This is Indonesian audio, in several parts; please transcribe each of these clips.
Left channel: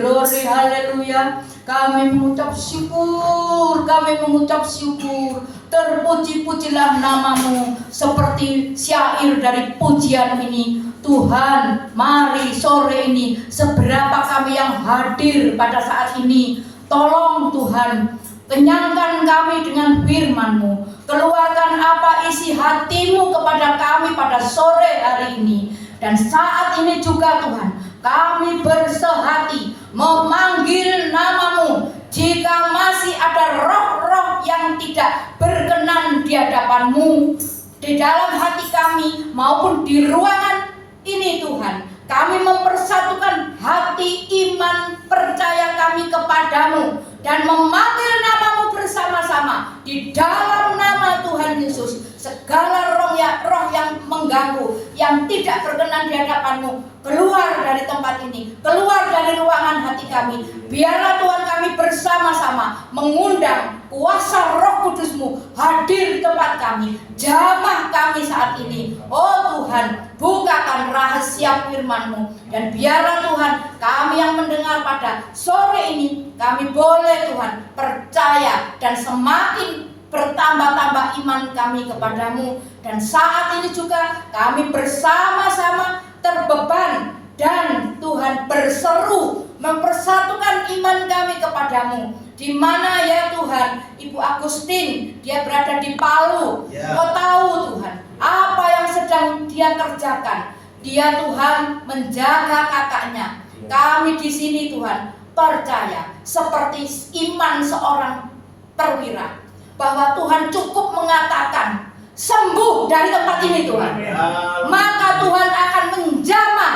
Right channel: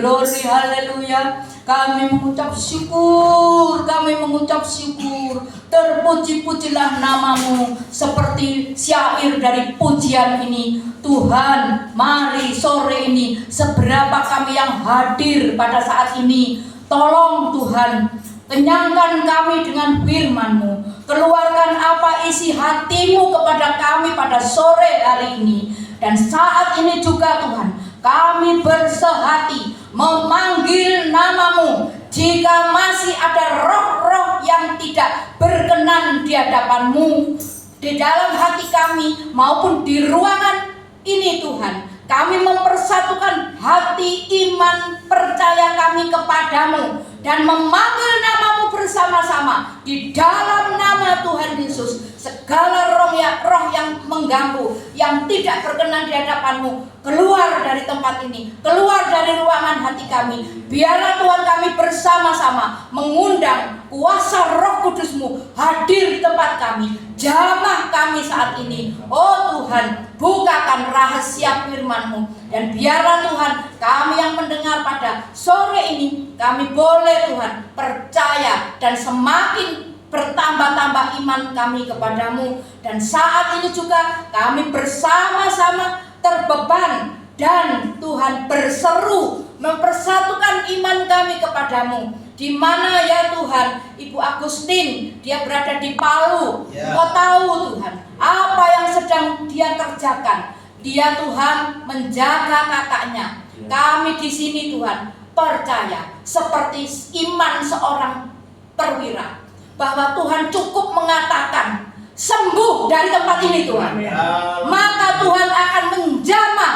glory, haleluya. Kami mengucap syukur, terpuji-pujilah namamu. Seperti syair dari pujian ini, Tuhan, mari sore ini seberapa kami yang hadir pada saat ini, tolong Tuhan, kenyangkan kami dengan firman-Mu. Keluarkan apa isi hati-Mu kepada kami pada sore hari ini. Dan saat ini juga Tuhan, kami bersehati memanggil namamu. Jika masih ada roh-roh yang tidak berkenan di hadapan-Mu, di dalam hati kami maupun di ruangan ini Tuhan, kami mempersatukan hati, iman, percaya kami kepadamu dan memanggil namamu bersama-sama di dalam nama Tuhan Yesus. Segala roh yang mengganggu, yang tidak berkenan di hadapan-Mu, keluar dari tempat ini, keluar dari ruangan hati kami. Biarlah Tuhan kami bersama-sama mengundang kuasa Roh Kudus-Mu hadir di tempat kami, jamah kami saat ini. Oh Tuhan, bukakan rahasia firman-Mu, dan biarlah Tuhan kami yang mendengar pada sore ini, kami boleh Tuhan percaya dan semakin bertambah-tambah iman kami kepadamu. Dan saat ini juga kami bersama-sama terbeban dan Tuhan berseru mempersatukan iman kami kepadamu. Di mana ya Tuhan, Ibu Agustin dia berada di Palu. Kau tahu Tuhan apa yang sedang dia kerjakan. Dia Tuhan menjaga kakaknya. Kami di sini Tuhan percaya seperti iman seorang perwira, bahwa Tuhan cukup mengatakan sembuh dari tempat ini Tuhan. Maka Tuhan akan menjamah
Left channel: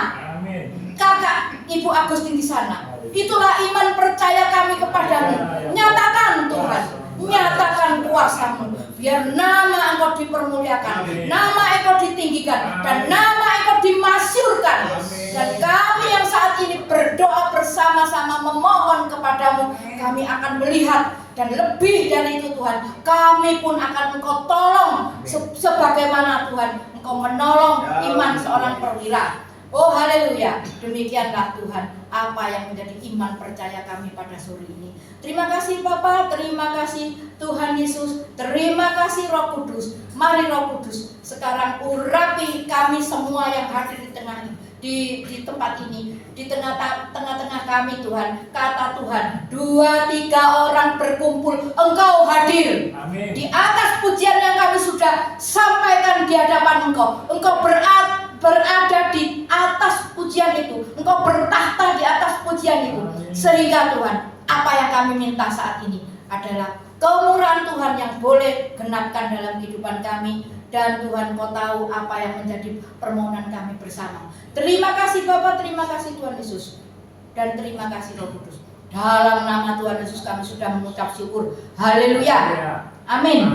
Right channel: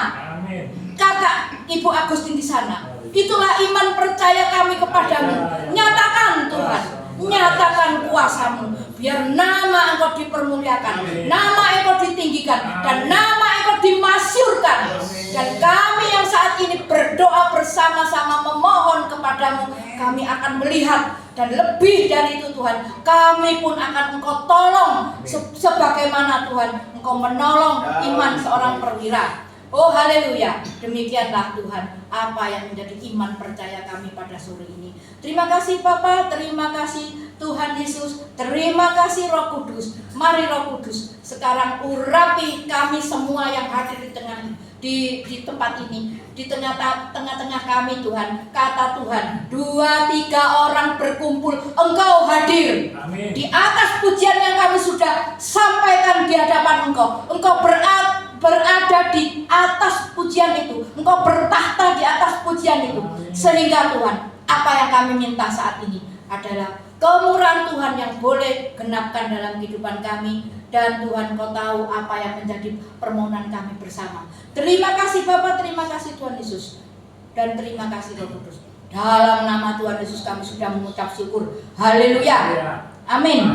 kakak Ibu Agustin di sana. Itulah iman percaya kami kepadamu. Nyatakan Tuhan, nyatakan kuasa-Mu. Biar nama Engkau dipermuliakan, nama Engkau ditinggikan, dan nama Engkau dimasyurkan. Dan kami yang saat ini berdoa bersama-sama memohon kepadamu, kami akan melihat. Dan lebih dari itu Tuhan, kami pun akan Engkau tolong sebagaimana Tuhan Engkau menolong iman seorang perwira. Oh haleluya, demikianlah Tuhan apa yang menjadi iman percaya kami pada sore ini. Terima kasih Bapa, terima kasih Tuhan Yesus, terima kasih Roh Kudus. Mari Roh Kudus sekarang urapi kami semua yang hadir di tengah di tempat ini, di tengah-tengah kami Tuhan. Kata Tuhan, 2-3 orang berkumpul, Engkau hadir. Amin. Di atas pujian yang kami sudah sampaikan di hadapan Engkau, Engkau berada di atas pujian itu, Engkau bertahta di atas pujian itu. Sehingga Tuhan, apa yang kami minta saat ini adalah kemurahan Tuhan yang boleh genapkan dalam kehidupan kami. Dan Tuhan Kau tahu apa yang menjadi permohonan kami bersama. Terima kasih Bapa, terima kasih Tuhan Yesus, dan terima kasih Roh Kudus. Dalam nama Tuhan Yesus kami sudah mengucap syukur. Haleluya. Amin.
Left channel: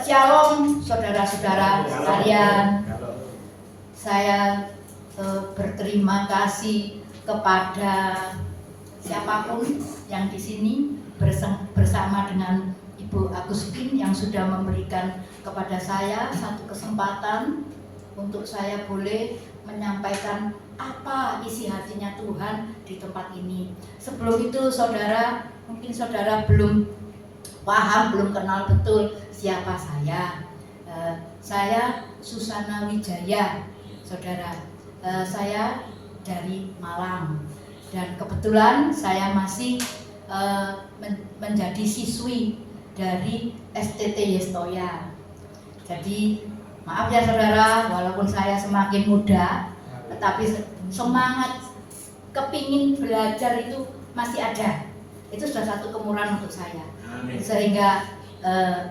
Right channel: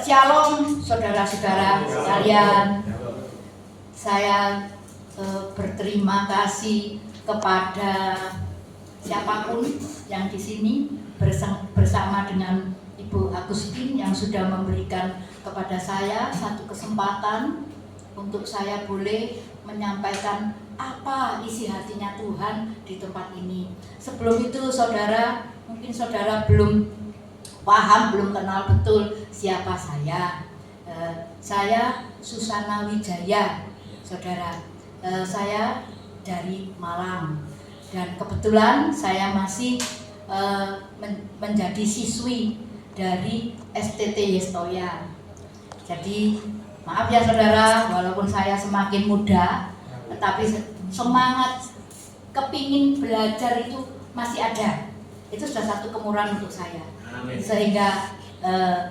Shalom saudara-saudara sekalian. Saya berterima kasih kepada siapapun yang di sini bersama dengan Ibu Agustin yang sudah memberikan kepada saya satu kesempatan untuk saya boleh menyampaikan apa isi hatinya Tuhan di tempat ini. Sebelum itu saudara, mungkin saudara belum paham, belum kenal betul siapa saya. Saya Susana Wijaya, saudara. Saya dari Malang dan kebetulan saya masih menjadi siswi dari STT Yestoya. Jadi maaf ya saudara, walaupun saya semakin muda, tetapi semangat kepingin belajar itu masih ada. Itu sudah satu kemurahan untuk saya. Amin. Sehingga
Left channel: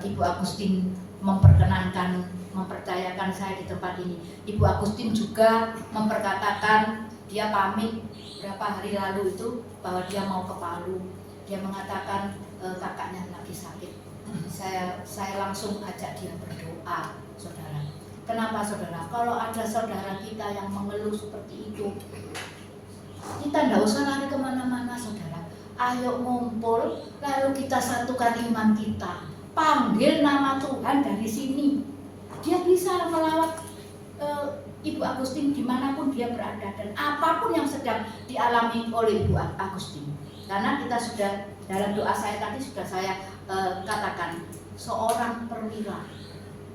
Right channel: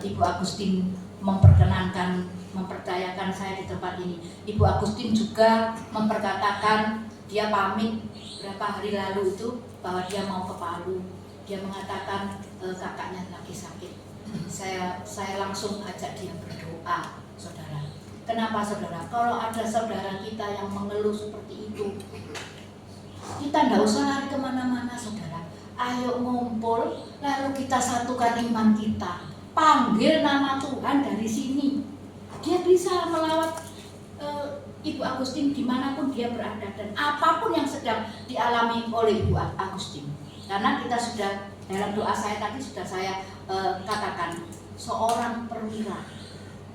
Ibu Agustin mempercayakan saya di tempat ini. Ibu Agustin juga memperkatakan, dia pamit beberapa hari lalu itu bahwa dia mau ke Palu. Dia mengatakan kakaknya lagi sakit. Saya langsung ajak dia berdoa, saudara. Kenapa saudara? Kalau ada saudara kita yang mengeluh seperti itu, kita tidak usah lari kemana-mana saudara. Ayo ngumpul, lalu kita satukan iman kita. Panggil nama Tuhan dari sini. Dia bisa melawat Ibu Agustin dimanapun dia berada dan apapun yang sedang dialami oleh Ibu Agustin. Karena kita sudah dalam doa saya tadi sudah saya katakan seorang perwira.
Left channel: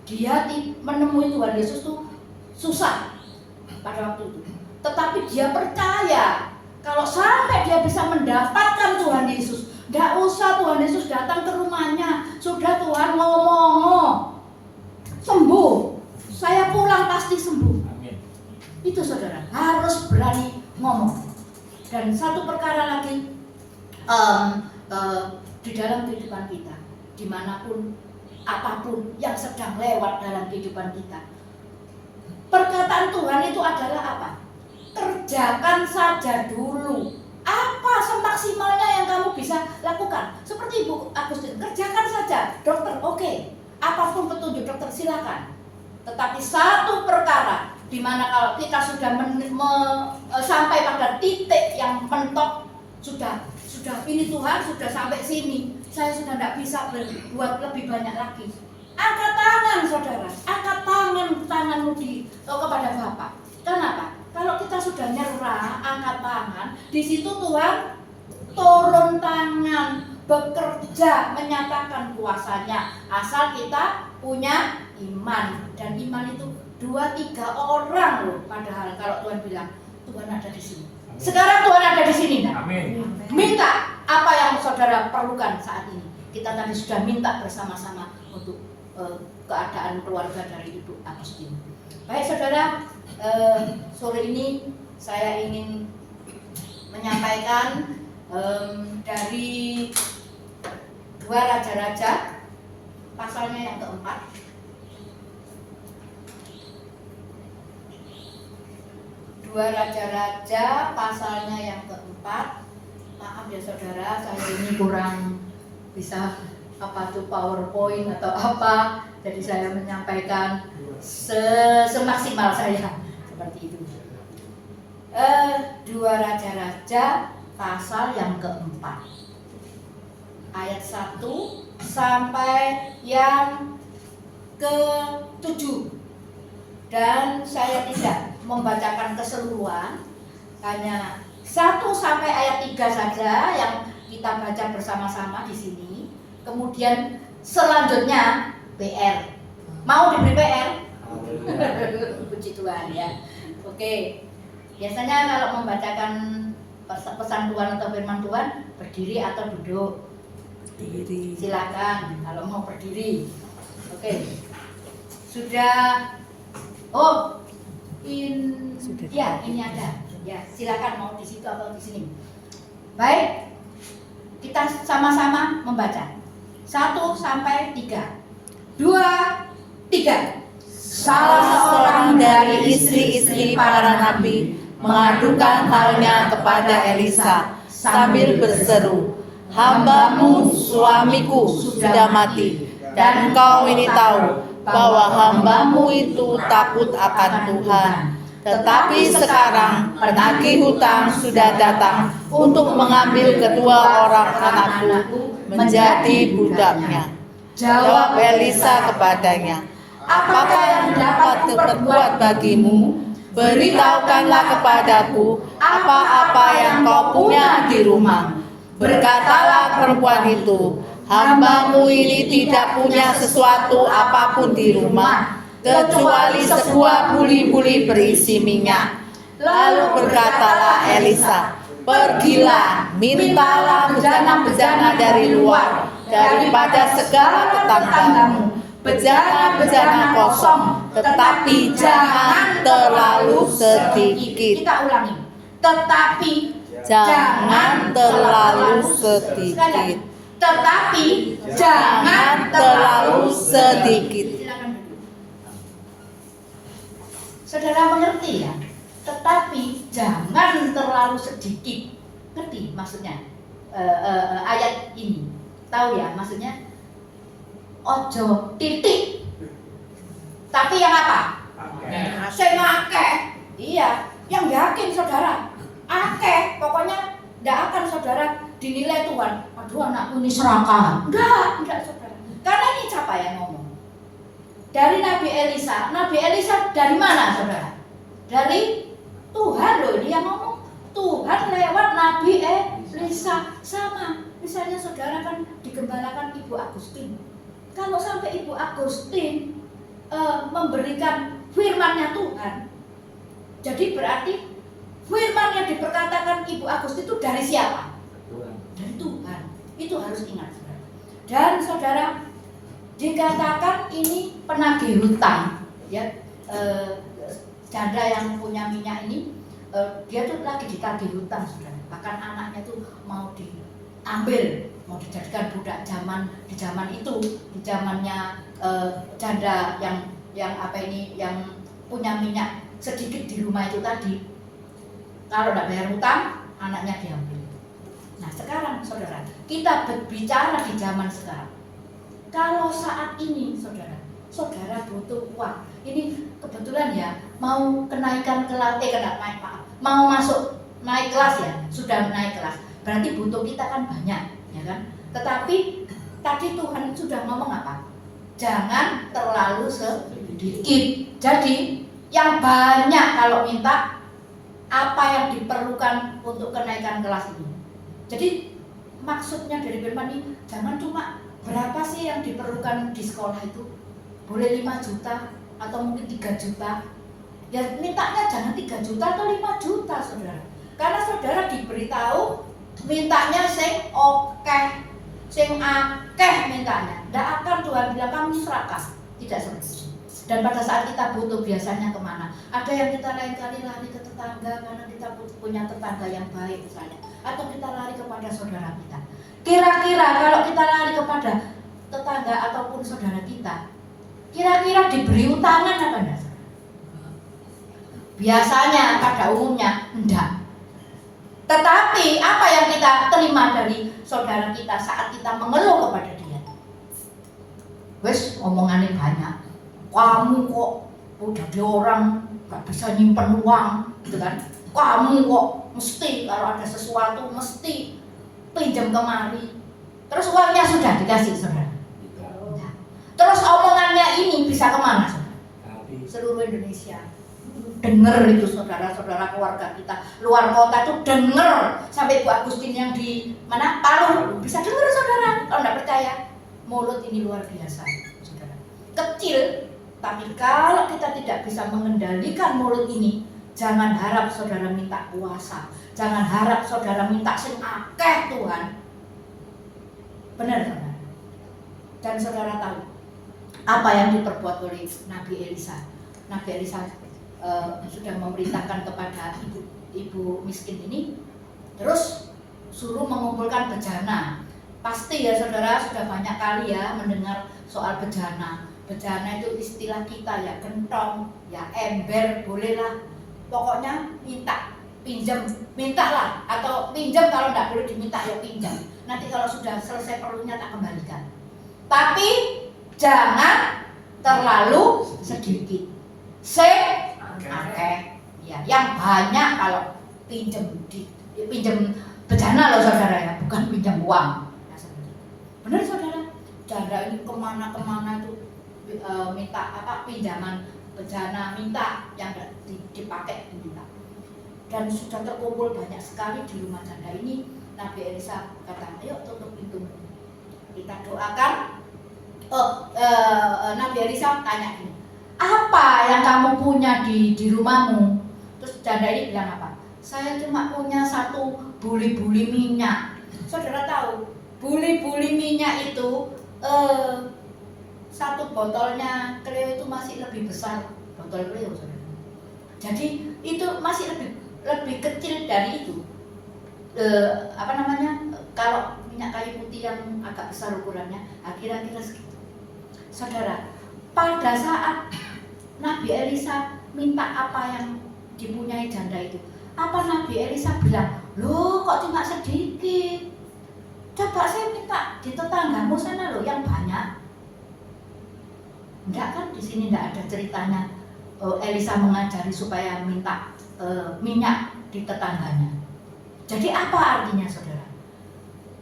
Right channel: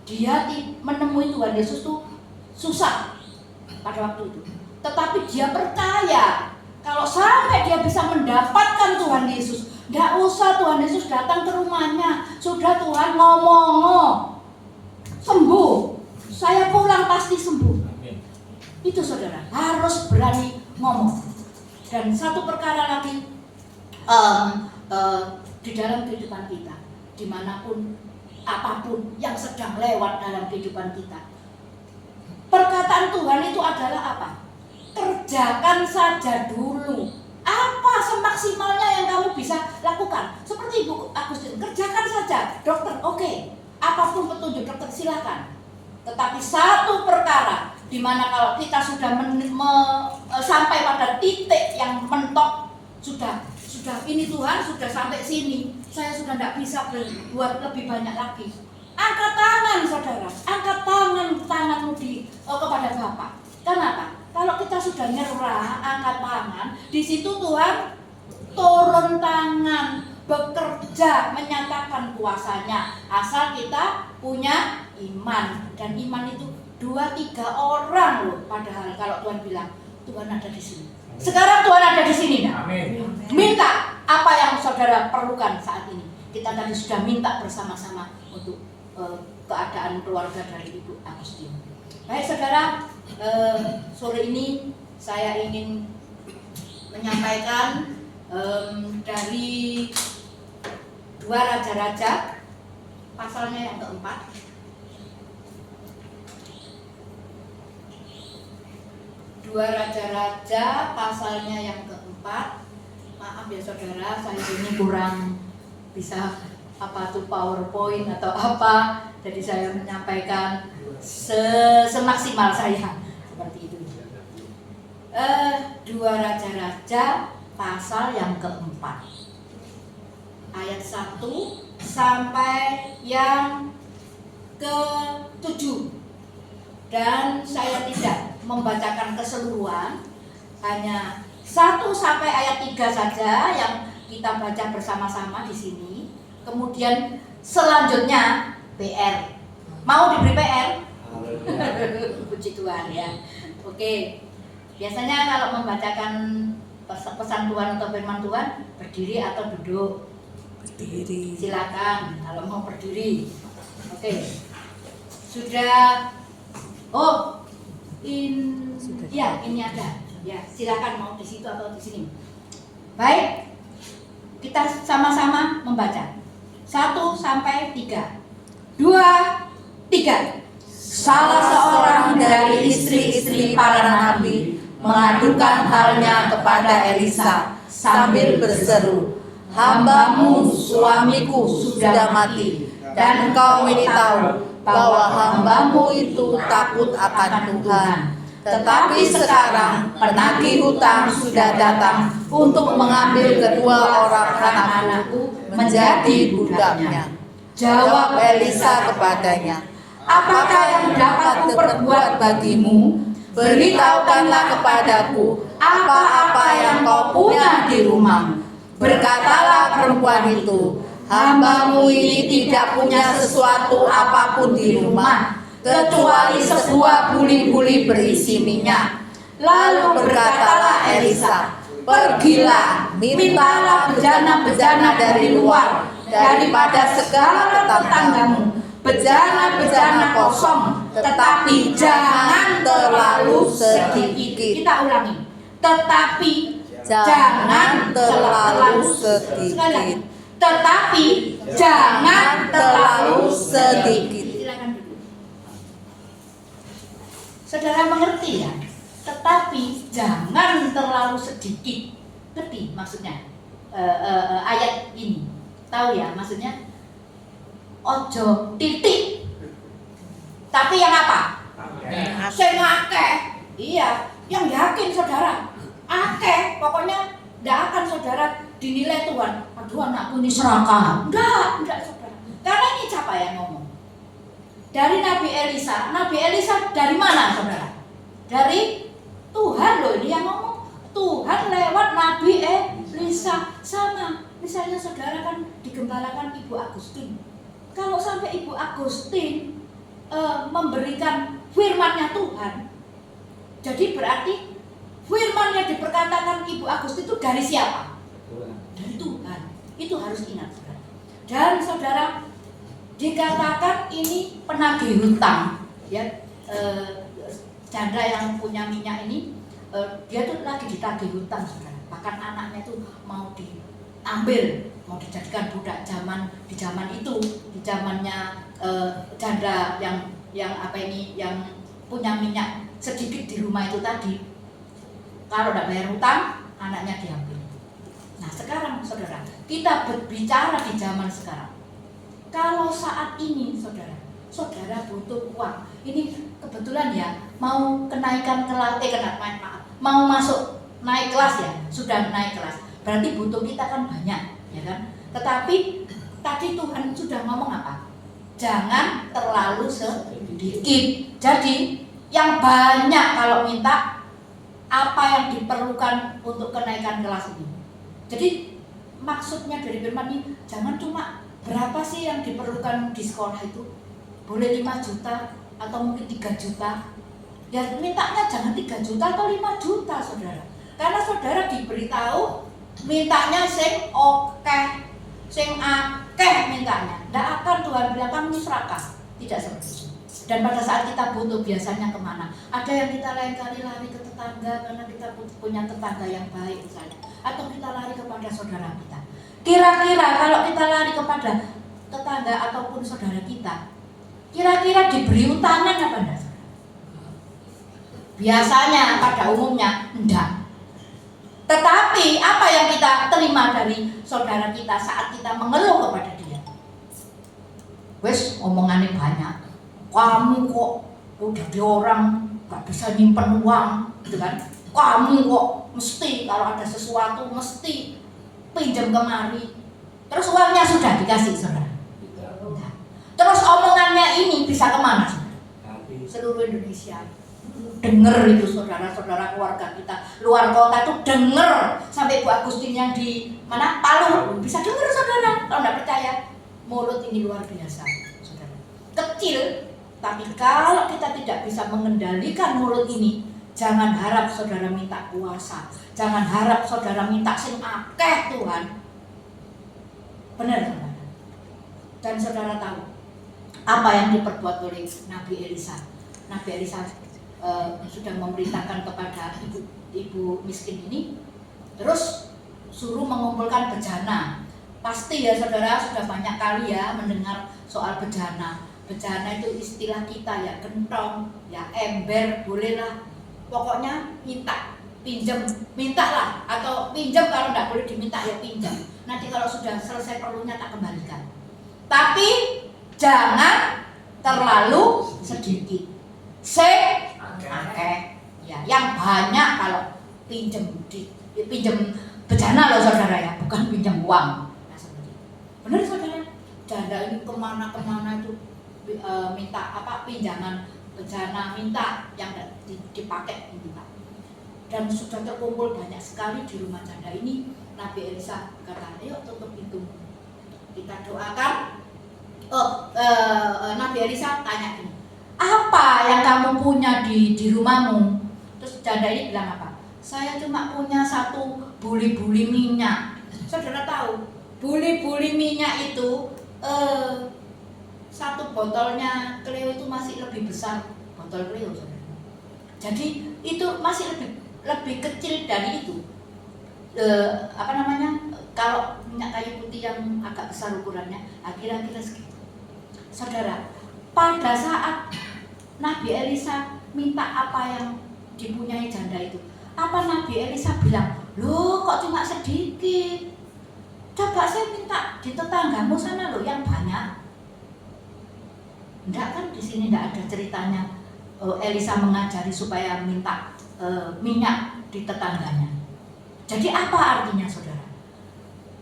Dia menemui Tuhan Yesus itu susah pada waktu itu. Tetapi dia percaya kalau sampai dia bisa mendapatkan Tuhan Yesus, tidak usah Tuhan Yesus datang ke rumahnya, sudah Tuhan ngomong sembuh, saya pulang pasti sembuh. Amin. Itu saudara harus berani ngomong. Dan satu perkara lagi di dalam kehidupan kita, dimanapun apapun yang sedang lewat dalam kehidupan kita, perkataan Tuhan itu adalah apa? Kerjakan saja dulu. Apa semaksimalnya yang kamu bisa lakukan? Seperti Ibu Agustin, kerjakan saja. Dokter, oke. Apapun petunjuk dokter, silakan. Tetapi satu perkara, di mana kalau kita sudah sampai pada titik yang mentok, sudah ini Tuhan sudah sampai sini, saya sudah tidak bisa berbuat lebih banyak lagi. Angkat tangan saudara, angkat tanganmu kepada Bapa. Kenapa? Kalau kita sudah nyerah, angkat tangan, di situ Tuhan turun tangan, bekerja, menyatakan kuasanya. Asal kita punya iman, dan iman itu 2-3 orang loh. Padahal kalau Tuhan bilang Tuhan ada di sini. Sekarang Tuhan ada di sini, nah? Amin. Minta apa yang saudara perlukan saat ini. Kita tadi sudah minta bersama-sama untuk keadaan keluarga dari Ibu Agustin. Baik saudara, sore ini saya ingin menyampaikan dari 2 Raja-Raja pasalnya yang keempat. 2 Raja-Raja pasalnya yang keempat. Maaf ya saudara, saya ini kurang bisa PowerPoint atau apa, jadi saya menyampaikan semaksimal saya seperti itu. 2 Raja-Raja pasal yang keempat, ayat 1 sampai yang ke-7. Dan saya tidak membacakan keseluruhan, hanya 1 sampai ayat 3 saja yang kita baca bersama-sama di sini. Kemudian selanjutnya PR. Mau diberi PR? Puji Tuhan ya. Oke. Biasanya kalau membacakan pesan Tuhan atau firman Tuhan, berdiri atau duduk? Berdiri. Silakan kalau mau berdiri. Oke. Sudah. Oh, ya ini ada. Ya, silakan mau di situ atau di sini. Baik. Kita sama-sama membaca. 1 sampai 3. 2, 3. Salah seorang dari istri-istri para nabi mengadukan halnya kepada Elisa sambil berseru, "Hambamu suamiku sudah mati, dan engkau ini tahu bahwa hambamu itu takut akan Tuhan. Tetapi sekarang penagih hutang sudah datang untuk mengambil kedua orang anakku menjadi budaknya." Jawab Elisa kepadanya, "Apakah yang dapat kuperbuat bagimu? Beritahukanlah kepadaku apa-apa yang kau punya di rumah." Berkatalah perempuan itu, "Hambamu ini tidak punya sesuatu apapun di rumah, kecuali sebuah buli-buli berisi minyak." Lalu berkatalah Elisa, "Pergilah, mintalah bejana-bejana dari luar, daripada segala tetanggamu, bejana-bejana kosong, tetapi jangan terlalu sedikit." Kita ulangi. Tetapi jangan terlalu sedikit. Tetapi jangan terlalu sedikit. Silakan duduk. Saudara mengerti ya? Tetapi jangan terlalu sedikit. Ngerti maksudnya? Ayat ini. Tahu ya maksudnya? Ojo titik. Tapi yang apa? Sing akeh. Iya, yang yakin saudara. Akeh, pokoknya tidak akan saudara dinilai Tuhan, "Aduh anakku ini serakah." Enggak saudara. Karena ini siapa yang ngomong? Dari Nabi Elisa. Nabi Elisa dari mana saudara? dari Tuhan loh, ini yang ngomong Tuhan lewat Nabi Elisa. Sama misalnya saudara kan digembalakan Ibu Agustin. Kalau sampai Ibu Agustin memberikan firman-Nya Tuhan, jadi berarti firman yang diperkatakan Ibu Agustin itu dari siapa? Dari Tuhan. Itu harus ingat saudara. Dan saudara, dikatakan ini penagih hutang, ya, janda yang punya minyak ini, dia tuh lagi ditagih hutang saudara. Bahkan anaknya tuh mau diambil, mau dijadikan budak di zaman itu, di zamannya janda yang apa ini, yang punya minyak sedikit di rumah itu tadi. Kalau tidak bayar hutang, anaknya diambil. Nah sekarang saudara, kita berbicara di zaman sekarang. Kalau saat ini saudara butuh uang. Ini kebetulan ya, mau kenaikan kelas, mau masuk naik kelas ya, sudah naik kelas. Berarti butuh kita kan banyak, ya kan? Tetapi tadi Tuhan sudah ngomong apa? Jangan terlalu sedikit. Jadi yang banyak kalau minta, apa yang diperlukan untuk kenaikan kelas ini. Jadi maksudnya dari firman ini, jangan cuma berapa sih yang diperlukan di sekolah itu. Boleh 5 juta atau mungkin 3 juta. Ya mintanya jangan 3 juta atau 5 juta saudara. Karena saudara diberitahu mintanya sing oke, sing akeh mintanya. Tidak akan Tuhan bilang kamu serakah. Tidak seperti itu. Dan pada saat kita butuh biasanya kemana? Ada yang kita lain kali lari ke tetangga karena kita punya tetangga yang baik misalnya. Atau kita lari kepada saudara kita. Kira-kira kalau kita lari kepada tetangga ataupun saudara kita, kira-kira diberi utangan apa enggak? Biasanya pada umumnya enggak. Tetapi apa yang kita terima dari saudara kita saat kita mengeluh kepada dia? Wes omongannya banyak. Kamu kok udah di orang gak bisa nyimpen uang, gitu kan? Kamu kok mesti kalau ada sesuatu mesti pinjam kemari. Terus uangnya sudah dikasih saudara. Nah, terus omongannya ini bisa kemana saudara? Seluruh Indonesia dengar itu saudara-saudara keluarga kita luar kota itu dengar, sampai Bu Agustin yang di mana Palu bisa dengar saudara. Kalau tidak percaya, mulut ini luar biasa saudara. Kecil, tapi kalau kita tidak bisa mengendalikan mulut ini, jangan harap saudara minta kuasa, jangan harap saudara minta sing akeh Tuhan. Benar saudara. Dan saudara tahu apa yang diperbuat oleh Nabi Elisa. Nabi Elisa sudah memerintahkan kepada ibu miskin ini, terus suruh mengumpulkan bejana. Pasti ya saudara sudah banyak kali ya mendengar soal bejana. Bejana itu istilah kita ya, gentong, ya ember, bolehlah. Pokoknya minta, pinjam, mintalah. Atau pinjam kalau tidak boleh diminta ya pinjam. Nanti kalau sudah selesai perlunya tak kembalikan. Tapi jangan terlalu sedikit. Akeh. Ya, yang banyak kalau pinjam bejana loh saudara ya, bukan pinjam uang. Nah, seperti itu. Benar saudara? Janda ini kemana-kemana tuh minta apa pinjaman bejana, minta yang dipakai diminta. Dan sudah terkumpul banyak sekali di rumah janda ini. Nabi Elisa kata, ayo tutup pintu, kita doakan. Nabi Elisa tanya ini, apa yang kamu punya di rumahmu? Terus janda ini bilang apa? Saya cuma punya 1 buli-buli minyak. Saudara tahu, buli-buli minyak itu 1 botolnya Cleo itu masih lebih besar botol Cleo, saudara. Jadi itu masih lebih kecil dari itu. Kalau minyak kayu putih yang agak besar ukurannya, kira-kira segitu. Saudara, pada saat Nabi Elisa minta apa yang dipunyai janda itu, apa Nabi Elisa bilang, loh kok cuma sedikit? Coba saya minta di tetanggamu sana loh yang banyak. Enggak kan, di sini enggak ada ceritanya Elisa mengajari supaya minta minyak di tetangganya. Jadi apa artinya saudara?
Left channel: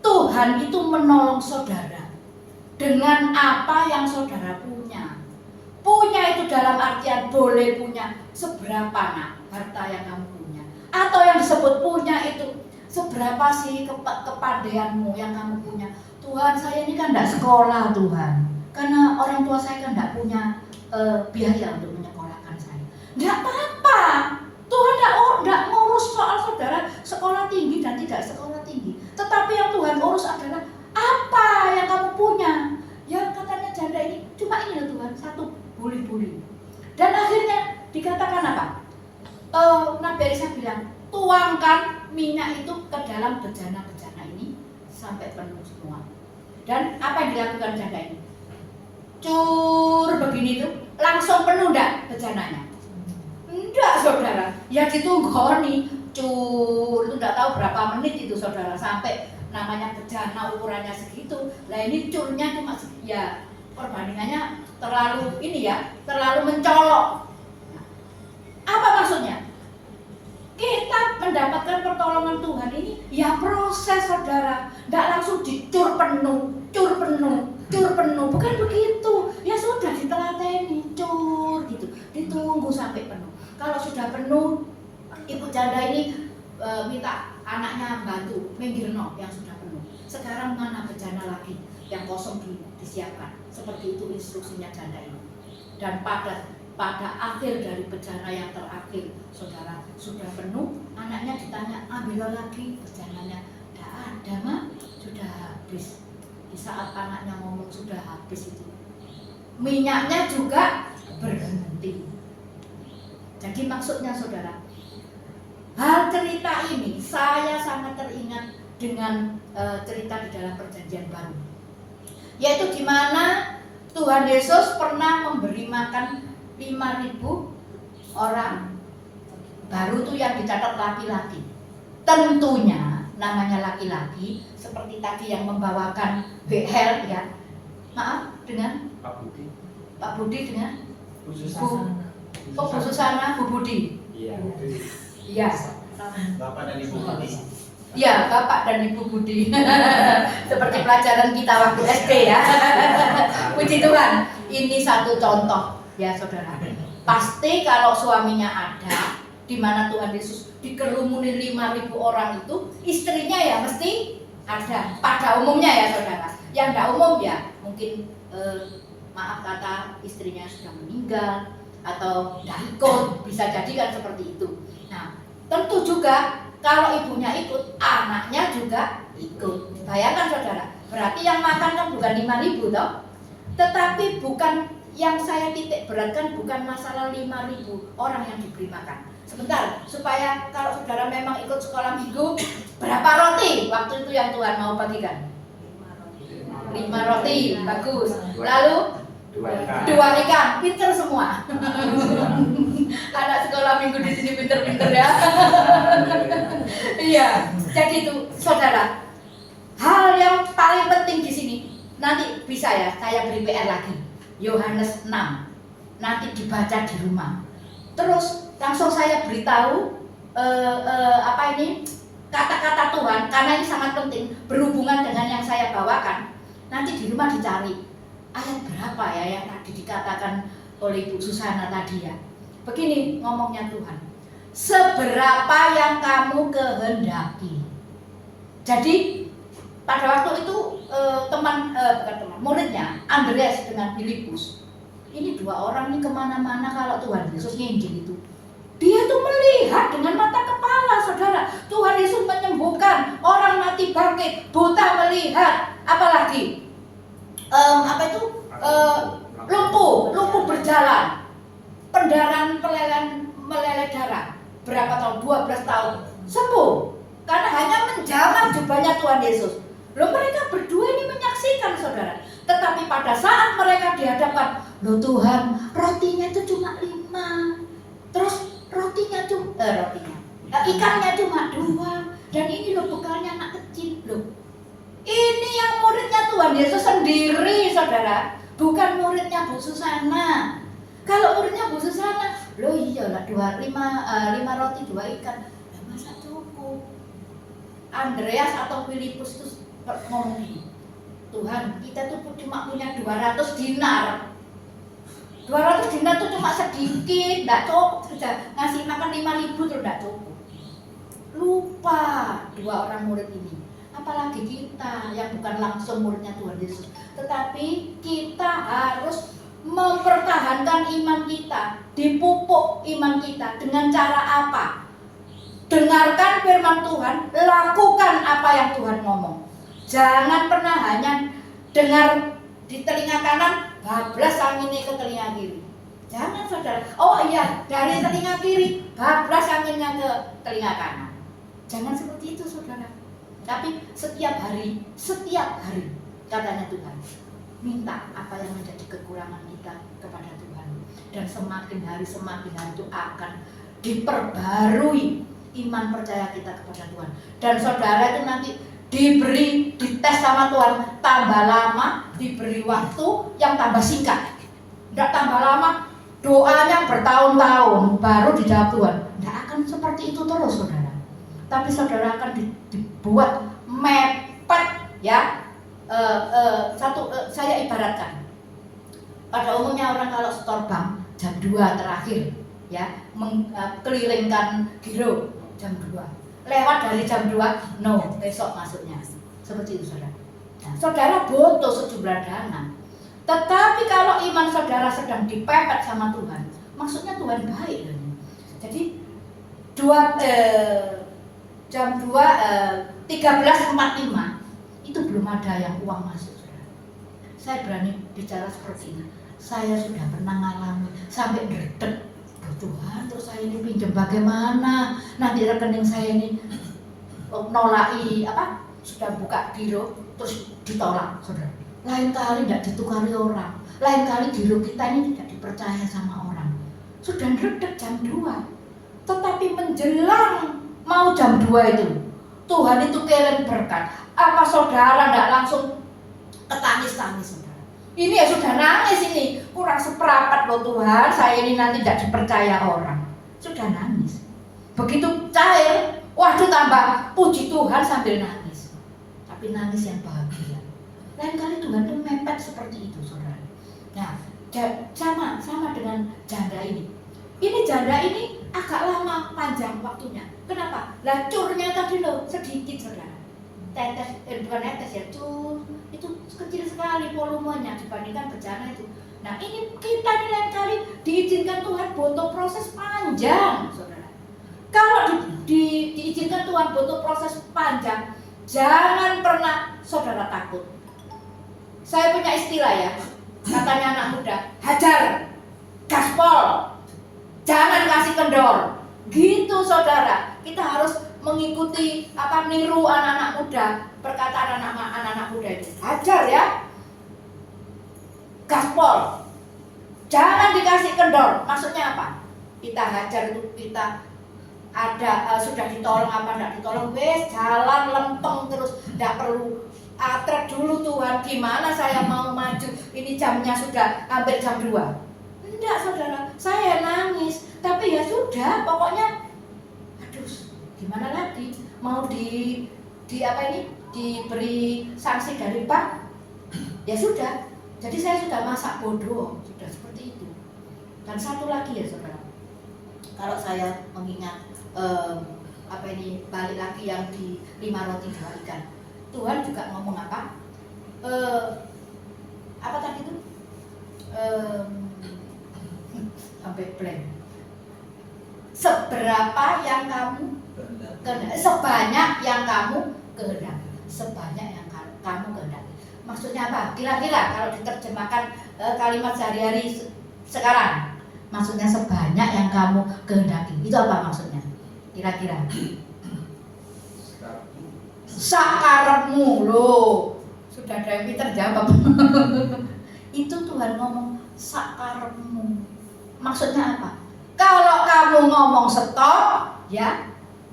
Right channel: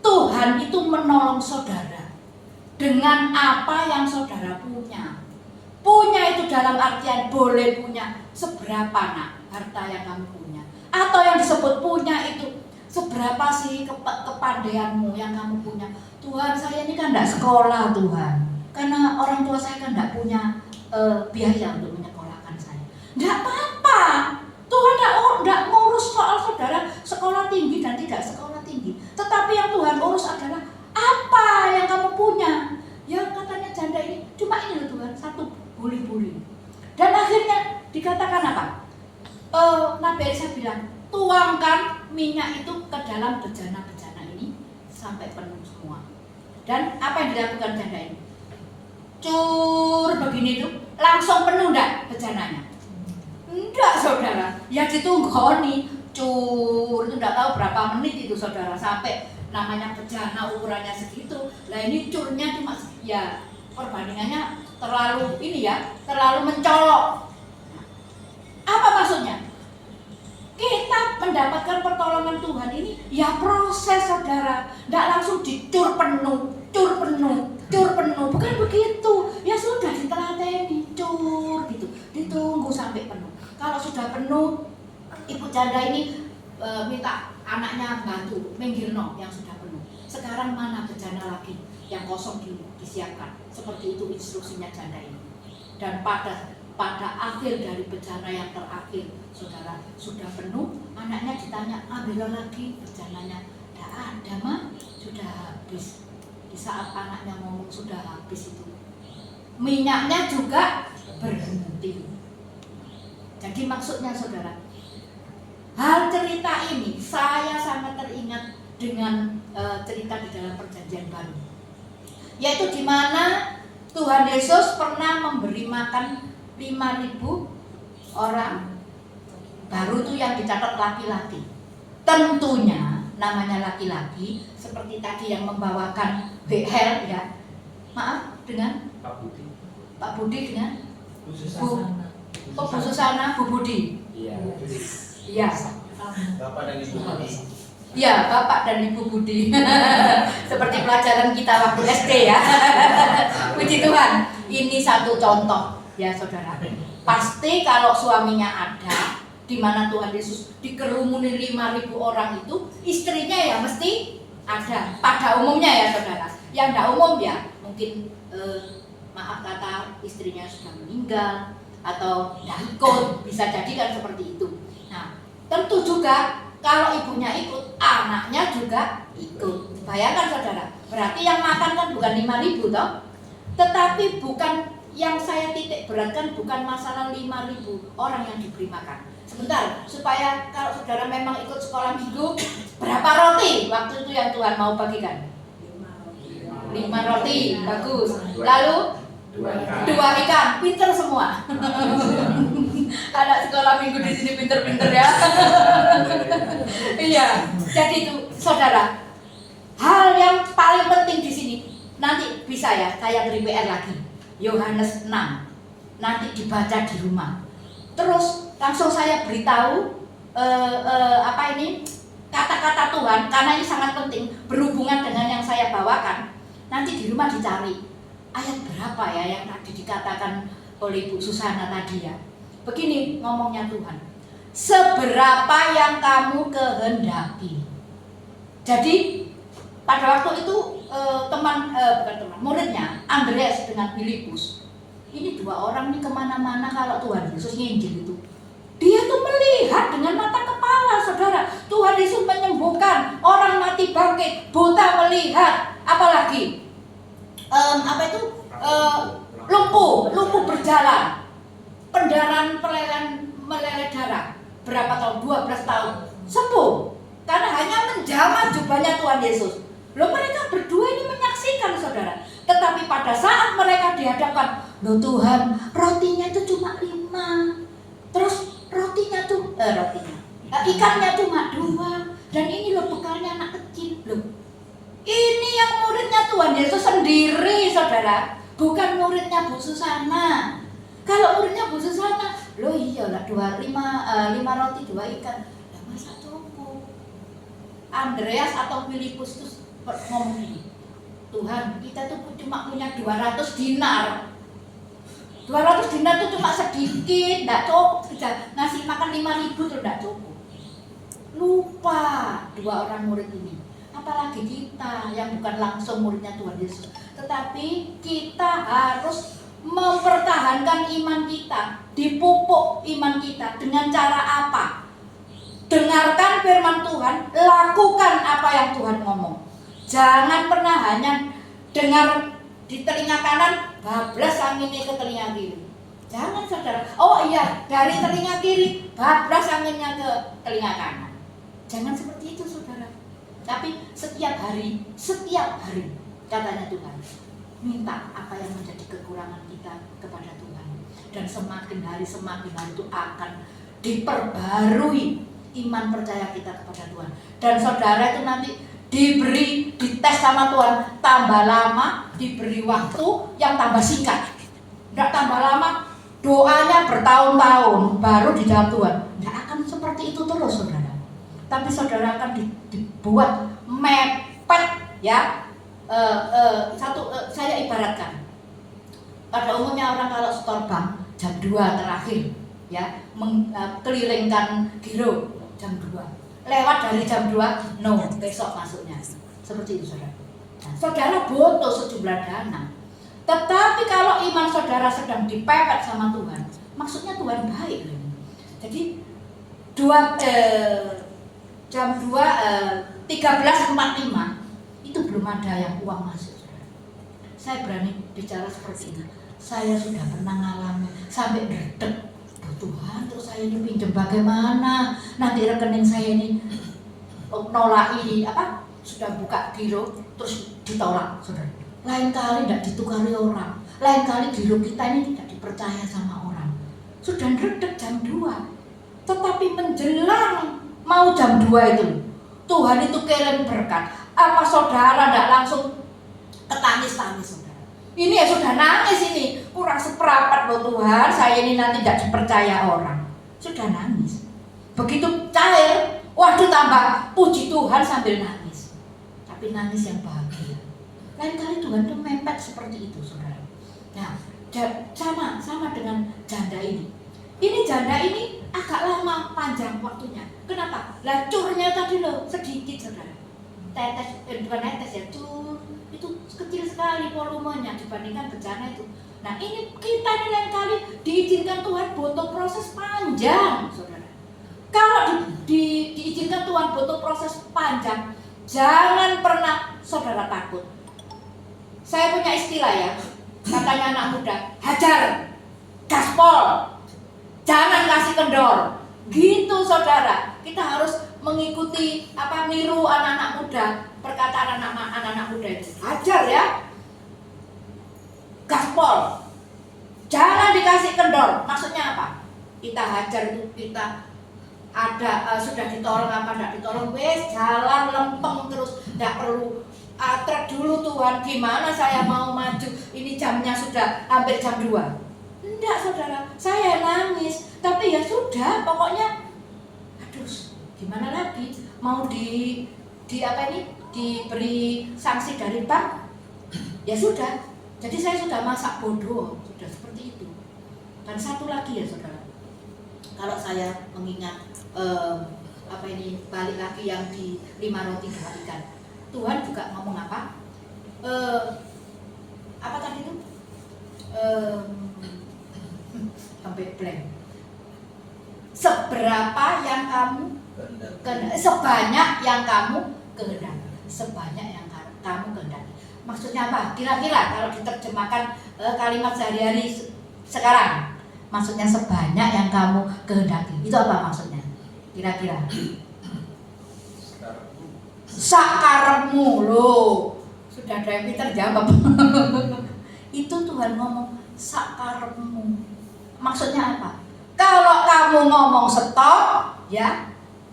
Tuhan itu menolong saudara dengan apa yang saudara punya. Punya itu dalam artian boleh punya seberapa nak harta yang kamu punya, atau yang disebut punya itu seberapa sih kepandaianmu yang kamu punya. Tuhan, saya ini kan tidak sekolah Tuhan, karena orang tua saya kan tidak punya biaya untuk menyekolahkan saya. Tidak apa-apa, Tuhan tidak ngurus soal saudara sekolah tinggi dan tidak sekolah tinggi. Tetapi yang Tuhan urus adalah apa yang kamu punya. Yang katanya janda ini, cuma ini loh Tuhan, satu buli-buli. Dan akhirnya dikatakan apa? Nabi Elisa bilang, tuangkan minyak itu ke dalam bejana-bejana ini sampai penuh semua. Dan apa yang dilakukan janda ini? Cur begini tuh, langsung penuh enggak bejananya? Enggak saudara, ya ditunggoni cur itu enggak tahu berapa menit itu saudara, sampai namanya bejana ukurannya segitu. Lah ini curnya cuma ya perbandingannya terlalu ini ya, terlalu mencolok. Nah, apa maksudnya? Kita mendapatkan pertolongan Tuhan ini ya proses saudara, enggak langsung dicur penuh, cur penuh, cur penuh, bukan begitu. Ya sudah ditelateni, cur gitu, ditunggu sampai penuh. Kalau sudah penuh, ibu janda ini minta anaknya bantu minggirno yang sudah penuh. Sekarang mana bejana lagi yang kosong disiapkan. Seperti itu instruksinya janda ini. Dan pada akhir dari bejana yang terakhir, saudara, sudah penuh, anaknya ditanya, ambil lagi bejananya. Tidak ada mah, sudah habis. Di saat anaknya ngomong sudah habis itu, minyaknya juga berhenti. Jadi maksudnya saudara, hal cerita ini saya sangat teringat dengan cerita di dalam Perjanjian Baru, yaitu di mana Tuhan Yesus pernah memberi makan 5.000 orang. Baru itu yang dicatat laki-laki. Tentunya namanya laki-laki, seperti tadi yang membawakan behel ya. Maaf, dengan Pak Budi dengan Bu Susana, Bu Budi. Iya. Bapak dan Ibu Budi. Iya, Bapak dan Ibu Budi. Seperti pelajaran kita waktu SD ya. Puji Tuhan. Ini satu contoh ya saudara. Pasti kalau suaminya ada, di mana Tuhan Yesus dikerumuni 5.000 orang itu, istrinya ya mesti ada. Pada umumnya ya saudara. Yang tidak umum ya mungkin maaf kata istrinya sudah meninggal atau tidak ikut, bisa jadi kan seperti itu. Nah, tentu juga kalau ibunya ikut, anaknya juga ikut. Bayangkan saudara, berarti yang makan kan bukan 5.000 toh, tetapi bukan yang saya titik beratkan bukan masalah 5.000 orang yang diberi makan. Sebentar, supaya kalau saudara memang ikut sekolah minggu, berapa roti waktu itu yang Tuhan mau bagikan? 5 roti, bagus. Lalu 2 ikan, pinter semua. Anak sekolah minggu di sini pinter-pinter ya. Iya, jadi itu saudara. Hal yang paling penting di sini nanti bisa ya saya beri PR lagi. Yohanes 6. Nanti dibaca di rumah. Terus langsung saya beritahu kata-kata Tuhan, karena ini sangat penting berhubungan dengan yang saya bawakan. Nanti di rumah dicari ayat berapa ya yang tadi dikatakan oleh Ibu Susana tadi ya. Begini ngomongnya Tuhan, seberapa yang kamu kehendaki. Jadi pada waktu itu muridnya Andreas dengan Filipus, ini 2 orang ini kemana-mana kalau Tuhan Yesus nginjil itu, dia tuh melihat dengan mata kepala saudara. Tuhan Yesus menyembuhkan, orang mati bangkit, buta melihat, apalagi lumpuh berjalan, pendarahan meleleh darah, berapa tahun? 12 tahun, sembuh karena hanya menjamah jubahnya Tuhan Yesus. Loh, mereka berdua ini menyaksikan saudara. Tetapi pada saat mereka dihadapkan, loh Tuhan, rotinya itu cuma 5, terus ikannya cuma 2, dan ini loh bekalnya anak kecil. Loh, ini yang muridnya Tuhan Yesus sendiri saudara, bukan muridnya Bu Susana. Kalau muridnya Bu Susana, loh iyalah 5 roti 2 ikan, lah masa cukup. Andreas atau Filipus itu ngomong gini, Tuhan, kita tuh cuma punya 200 dinar. 200 dinar itu cuma sedikit, enggak cukup. Ngasih makan 5.000 terus enggak cukup. Lupa dua orang murid ini. Apalagi kita yang bukan langsung muridnya Tuhan Yesus, tetapi kita harus mempertahankan iman kita, dipupuk iman kita dengan cara apa? Dengarkan firman Tuhan, lakukan apa yang Tuhan ngomong. Jangan pernah hanya dengar di telinga kanan, bablas anginnya ke telinga kiri. Jangan saudara. Oh iya, dari telinga kiri, bablas anginnya ke telinga kanan. Jangan seperti itu saudara. Tapi setiap hari katanya Tuhan, minta apa yang menjadi kekurangan kita kepada Tuhan. Dan semakin hari itu akan diperbarui iman percaya kita kepada Tuhan. Dan saudara itu nanti dites sama Tuhan, tambah lama, diberi waktu yang tambah singkat. Tidak tambah lama, doanya bertahun-tahun baru dijawab Tuhan. Tidak akan seperti itu terus saudara. Tapi saudara akan dibuat mepet ya. Saya ibaratkan, pada umumnya orang kalau setor bank jam 2 terakhir ya, kelilingkan giro jam 2. Lewat dari jam 2, no, besok masuknya. Seperti itu saudara. Nah, saudara butuh sejumlah dana. Tetapi kalau iman saudara sedang dipepet sama Tuhan, maksudnya Tuhan baik. Jadi jam 2 13.45 itu belum ada yang uang masuk saudara. Saya berani bicara seperti ini. Saya sudah pernah ngalami sampai berdek. Tuhan, terus saya ini pinjam bagaimana? Nanti rekening saya ini nolai sudah buka giro terus ditolak, saudara. Lain kali tidak ditukari orang, lain kali giro kita ini tidak dipercaya sama orang. Sudah redek jam 2, tetapi menjelang mau jam 2 itu Tuhan itu kirim berkat. Apa saudara tidak langsung ketangis-tangis saudara? Ini ya sudah nangis ini, kurang seperempat loh Tuhan, saya ini nanti tidak dipercaya orang. Sudah nangis. Begitu cair, waduh tambah puji Tuhan sambil nangis. Tapi nangis yang bahagia. Lain kali Tuhan itu mepet seperti itu saudara. Nah, sama dengan janda ini. Ini janda ini agak lama panjang waktunya. Kenapa? Lah curnya tadi loh sedikit saudara. Bukan netes ya, cur itu kecil sekali volumenya dibandingkan bencana itu. Nah ini kita nih lain kali diizinkan Tuhan butuh proses panjang saudara. Kalau diizinkan Tuhan butuh proses panjang, jangan pernah saudara takut. Saya punya istilah ya, katanya anak muda, hajar, gaspol, jangan kasih kendor. Gitu saudara, kita harus mengikuti niru anak-anak muda, perkataan anak-anak muda itu. Hajar ya, gaspol, jangan dikasih kendor. Maksudnya apa? Kita hajar itu kita sudah ditolong apa tidak ditolong, wes jalan lempeng terus, tidak perlu trek dulu Tuhan, gimana saya mau maju, ini jamnya sudah hampir jam 2. Enggak saudara, saya nangis, tapi ya sudah, pokoknya aduh gimana lagi, mau diberi sanksi dari bank, ya sudah. Jadi saya sudah masak bodoh, sudah seperti itu. Dan satu lagi ya saudara, kalau saya mengingat balik lagi yang di 5 roti 2 ikan, Tuhan juga ngomong apa? Apa tadi itu? Sampai blank. Seberapa yang kamu kehendaki, sebanyak yang kamu kehendaki, sebanyak yang kamu kehendaki. Maksudnya apa? Kira-kira kalau diterjemahkan kalimat sehari-hari sekarang, maksudnya sebanyak yang kamu kehendaki. Itu apa maksudnya? Kira-kira? Sakarepmu loh. Sudah ada yang pintar jawab. Itu Tuhan ngomong sakarepmu. Maksudnya apa? Kalau kamu ngomong stop, ya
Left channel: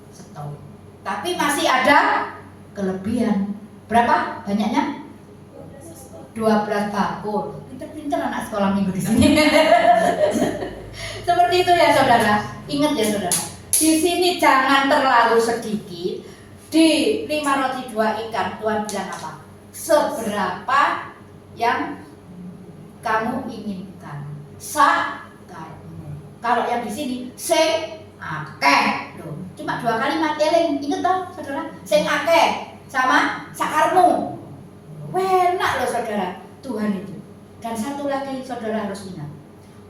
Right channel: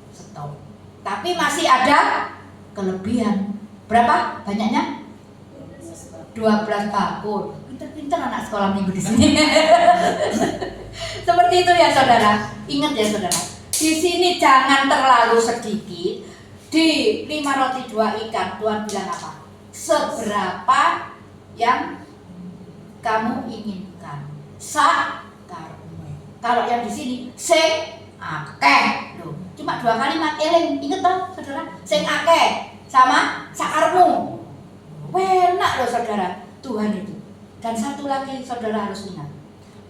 stop. Tapi masih ada kelebihan. Berapa banyaknya? 12 bakul. Pinter-pinter anak sekolah minggu di sini. Seperti itu ya saudara. Ingat ya saudara. Di sini jangan terlalu sedikit. Di 5 roti 2 ikan Tuhan bilang apa? Seberapa yang kamu inginkan, sakarepmu. Kalau yang di sini sing akeh. Loh, cuma 2 kalimat eling. Ingat toh, Saudara? Sing akeh sama sakarepmu. Enak loh Saudara, Tuhan itu. Dan satu lagi Saudara harus ingat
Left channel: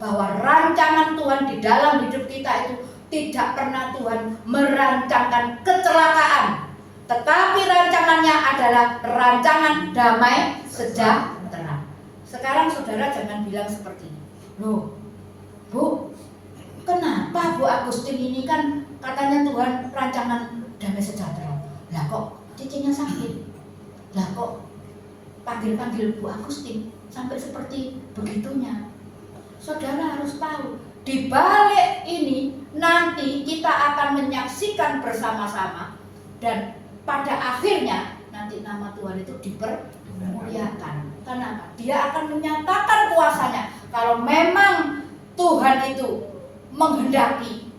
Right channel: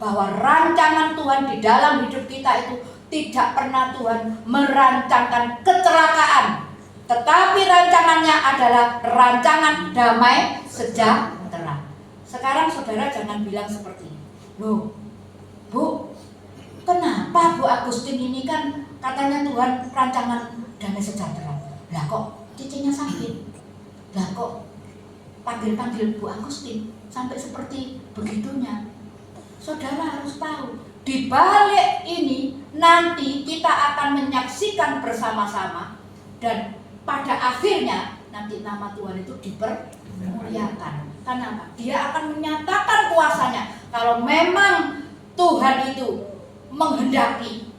bahwa rancangan Tuhan di dalam hidup kita itu tidak pernah Tuhan merancangkan kecelakaan, tetapi rancangannya adalah rancangan damai sejahtera. Sekarang Saudara jangan bilang seperti ini. Loh, Bu, kenapa Bu Agustin ini kan katanya Tuhan rancangan damai sejahtera? Lah kok cicinya sakit? Lah kok panggil-panggil Bu Agustin sampai seperti begitunya? Saudara harus tahu, di balik ini nanti kita akan menyaksikan bersama-sama dan pada akhirnya nanti nama Tuhan itu dipermuliakan. Karena apa? Dia akan menyatakan kuasanya. Kalau memang Tuhan itu menghendaki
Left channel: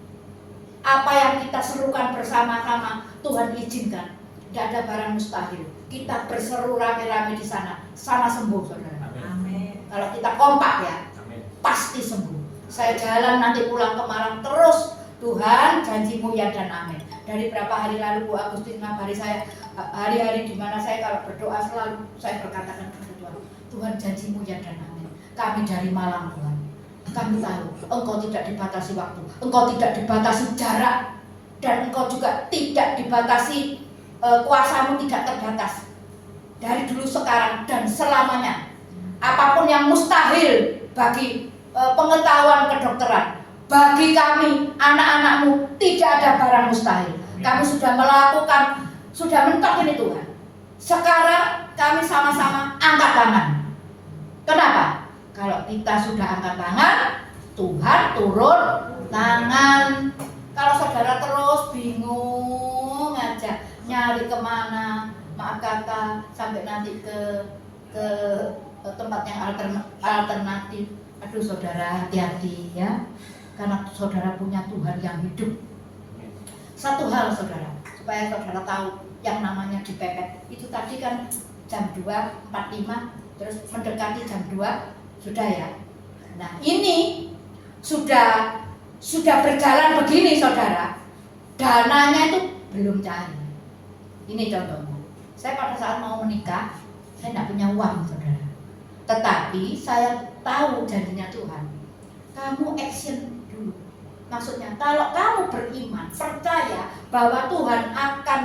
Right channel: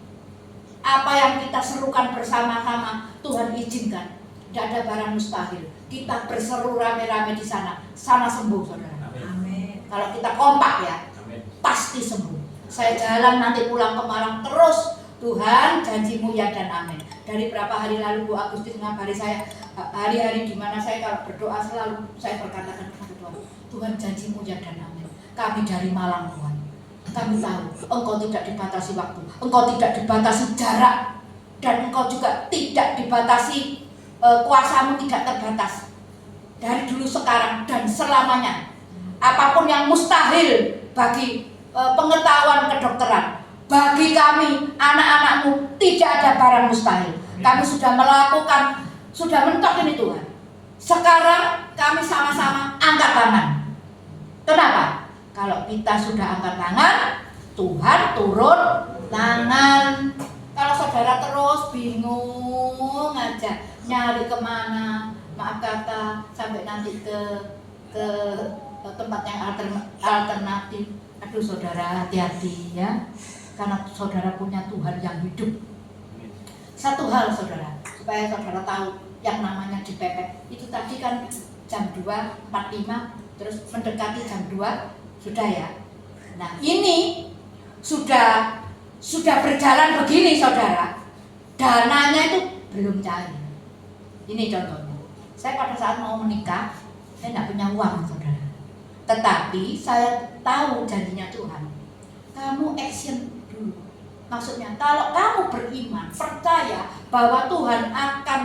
apa yang kita serukan bersama-sama, Tuhan izinkan. Tidak ada barang mustahil. Kita berseru rame-rame di sana, sana sembuh Saudara. Amin. Kalau kita kompak ya, pasti sembuh. Saya jalan nanti pulang ke Malang terus, Tuhan janjimu ya dan amin. Dari berapa hari lalu Bu Agustin ngabari saya, hari-hari di mana saya kalau berdoa selalu saya berkatakan kepada Tuhan, Tuhan janjimu ya dan amin. Kami dari Malang Tuhan, kami tahu Engkau tidak dibatasi waktu, Engkau tidak dibatasi jarak, dan Engkau juga tidak dibatasi, kuasamu tidak terbatas. Dari dulu, sekarang, dan selamanya. Apapun yang mustahil bagi pengetahuan kedokteran, bagi kami anak-anakmu tidak ada barang mustahil. Kami sudah melakukan, sudah mentok ini Tuhan. Sekarang kami sama-sama angkat tangan. Kenapa? Kalau kita sudah angkat tangan, Tuhan turun tangan. Kalau Saudara terus bingung aja nyari kemana, maaf kata, sampai nanti ke tempat yang alternatif. Aduh Saudara, hati-hati ya, karena Saudara punya Tuhan yang hidup. Satu hal Saudara, supaya Saudara tahu yang namanya dipepet itu tadi kan jam 2.45, terus mendekati jam 2 sudah ya. Nah ini sudah berjalan begini Saudara, dananya itu belum cair. Ini contohnya, saya pada saat mau menikah saya tidak punya uang Saudara, tetapi saya tahu janjinya Tuhan. Kamu action dulu. Maksudnya kalau kamu beriman, percaya bahwa Tuhan akan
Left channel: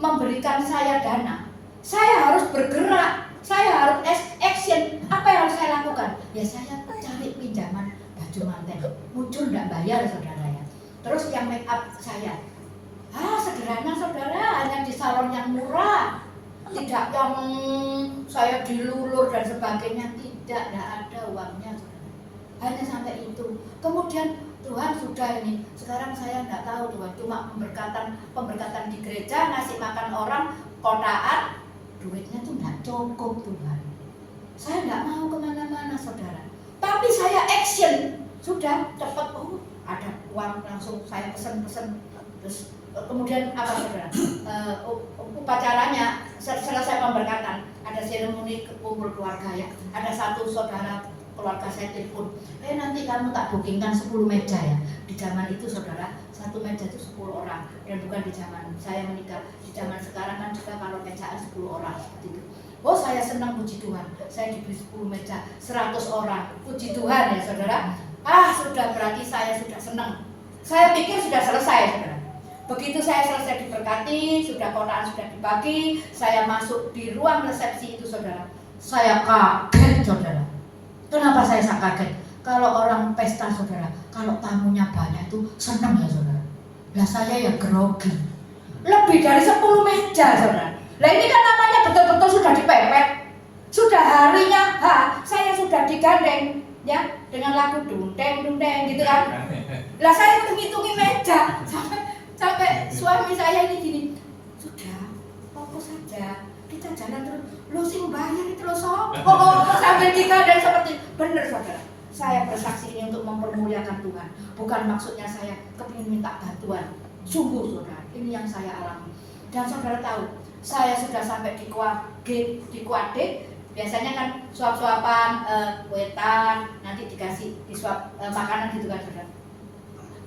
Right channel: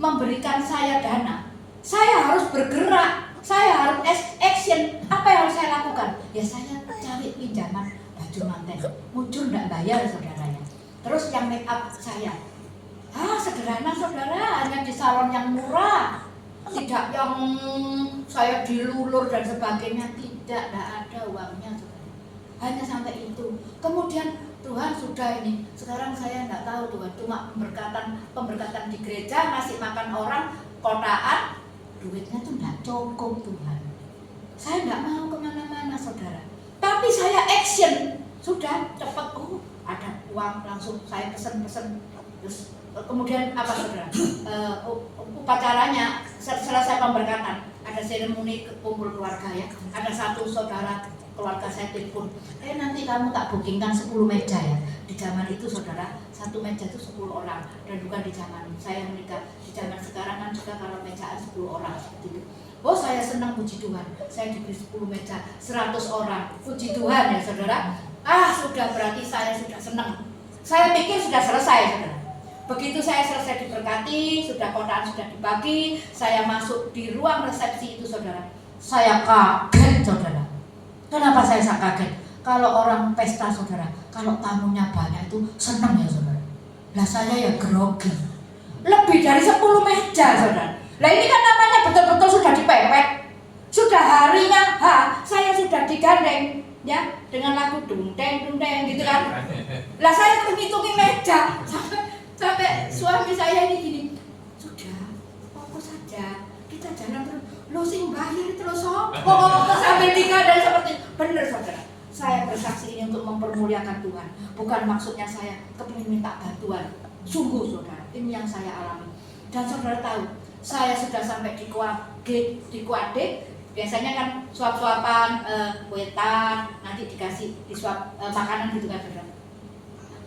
memberikan saya dana, saya harus bergerak, saya harus action. Apa yang harus saya lakukan? Ya saya cari pinjaman baju manten. Muncul tidak bayar Saudara ya. Terus yang make up saya, sederhana Saudara, hanya di salon yang murah. Tidak yang saya dilulur dan sebagainya, tidak ada uangnya Saudara. Hanya sampai itu. Kemudian Tuhan sudah ini, sekarang saya tidak tahu Tuhan, cuma pemberkatan di gereja, ngasih makan orang, kotaan, duitnya tuh tidak cukup Tuhan. Saya tidak mau kemana-mana Saudara, tapi saya action, sudah cepat, ada uang langsung saya pesen. Terus kemudian apa Saudara, upacaranya selesai pemberkatan, ada seremoni kumpul keluarga ya, ada satu saudara keluarga saya telepon, nanti kamu tak bookingkan 10 meja ya. Di zaman itu Saudara, satu meja itu 10 orang, dan bukan di zaman saya menikah. Di zaman sekarang kan juga kalau mejaan 10 orang seperti itu. Saya senang, puji Tuhan, saya diberi 10 meja 100 orang, puji Tuhan ya Saudara. Sudah, berarti saya sudah senang. Saya pikir sudah selesai Saudara. Begitu saya selesai diberkati, sudah kotaan sudah dibagi, saya masuk di ruang resepsi itu Saudara, saya kaget Saudara. Kenapa saya kaget? Kalau orang pesta Saudara, kalau tamunya banyak itu senang ya Saudara. Lah saya ya grogi. Lebih dari 10 meja Saudara. Lah ini kan namanya betul-betul sudah dipepet. Sudah harinya, saya sudah digandeng ya dengan lagu dundeng gitu kan. Lah saya hitung-hitungi meja sampai suami saya ini gini, sudah fokus saja, kita jalan terus. Lo sing bayar itu lo sambil dikadang seperti benar Saudara. Saya bersaksi ini untuk mempermuliakan Tuhan, bukan maksudnya saya kepingin minta bantuan. Sungguh Saudara, ini yang saya alami. Dan Saudara tahu, saya sudah sampai di Kuade biasanya kan suap-suapan, kuetan, nanti dikasih disuap makanan gitu kan saudara.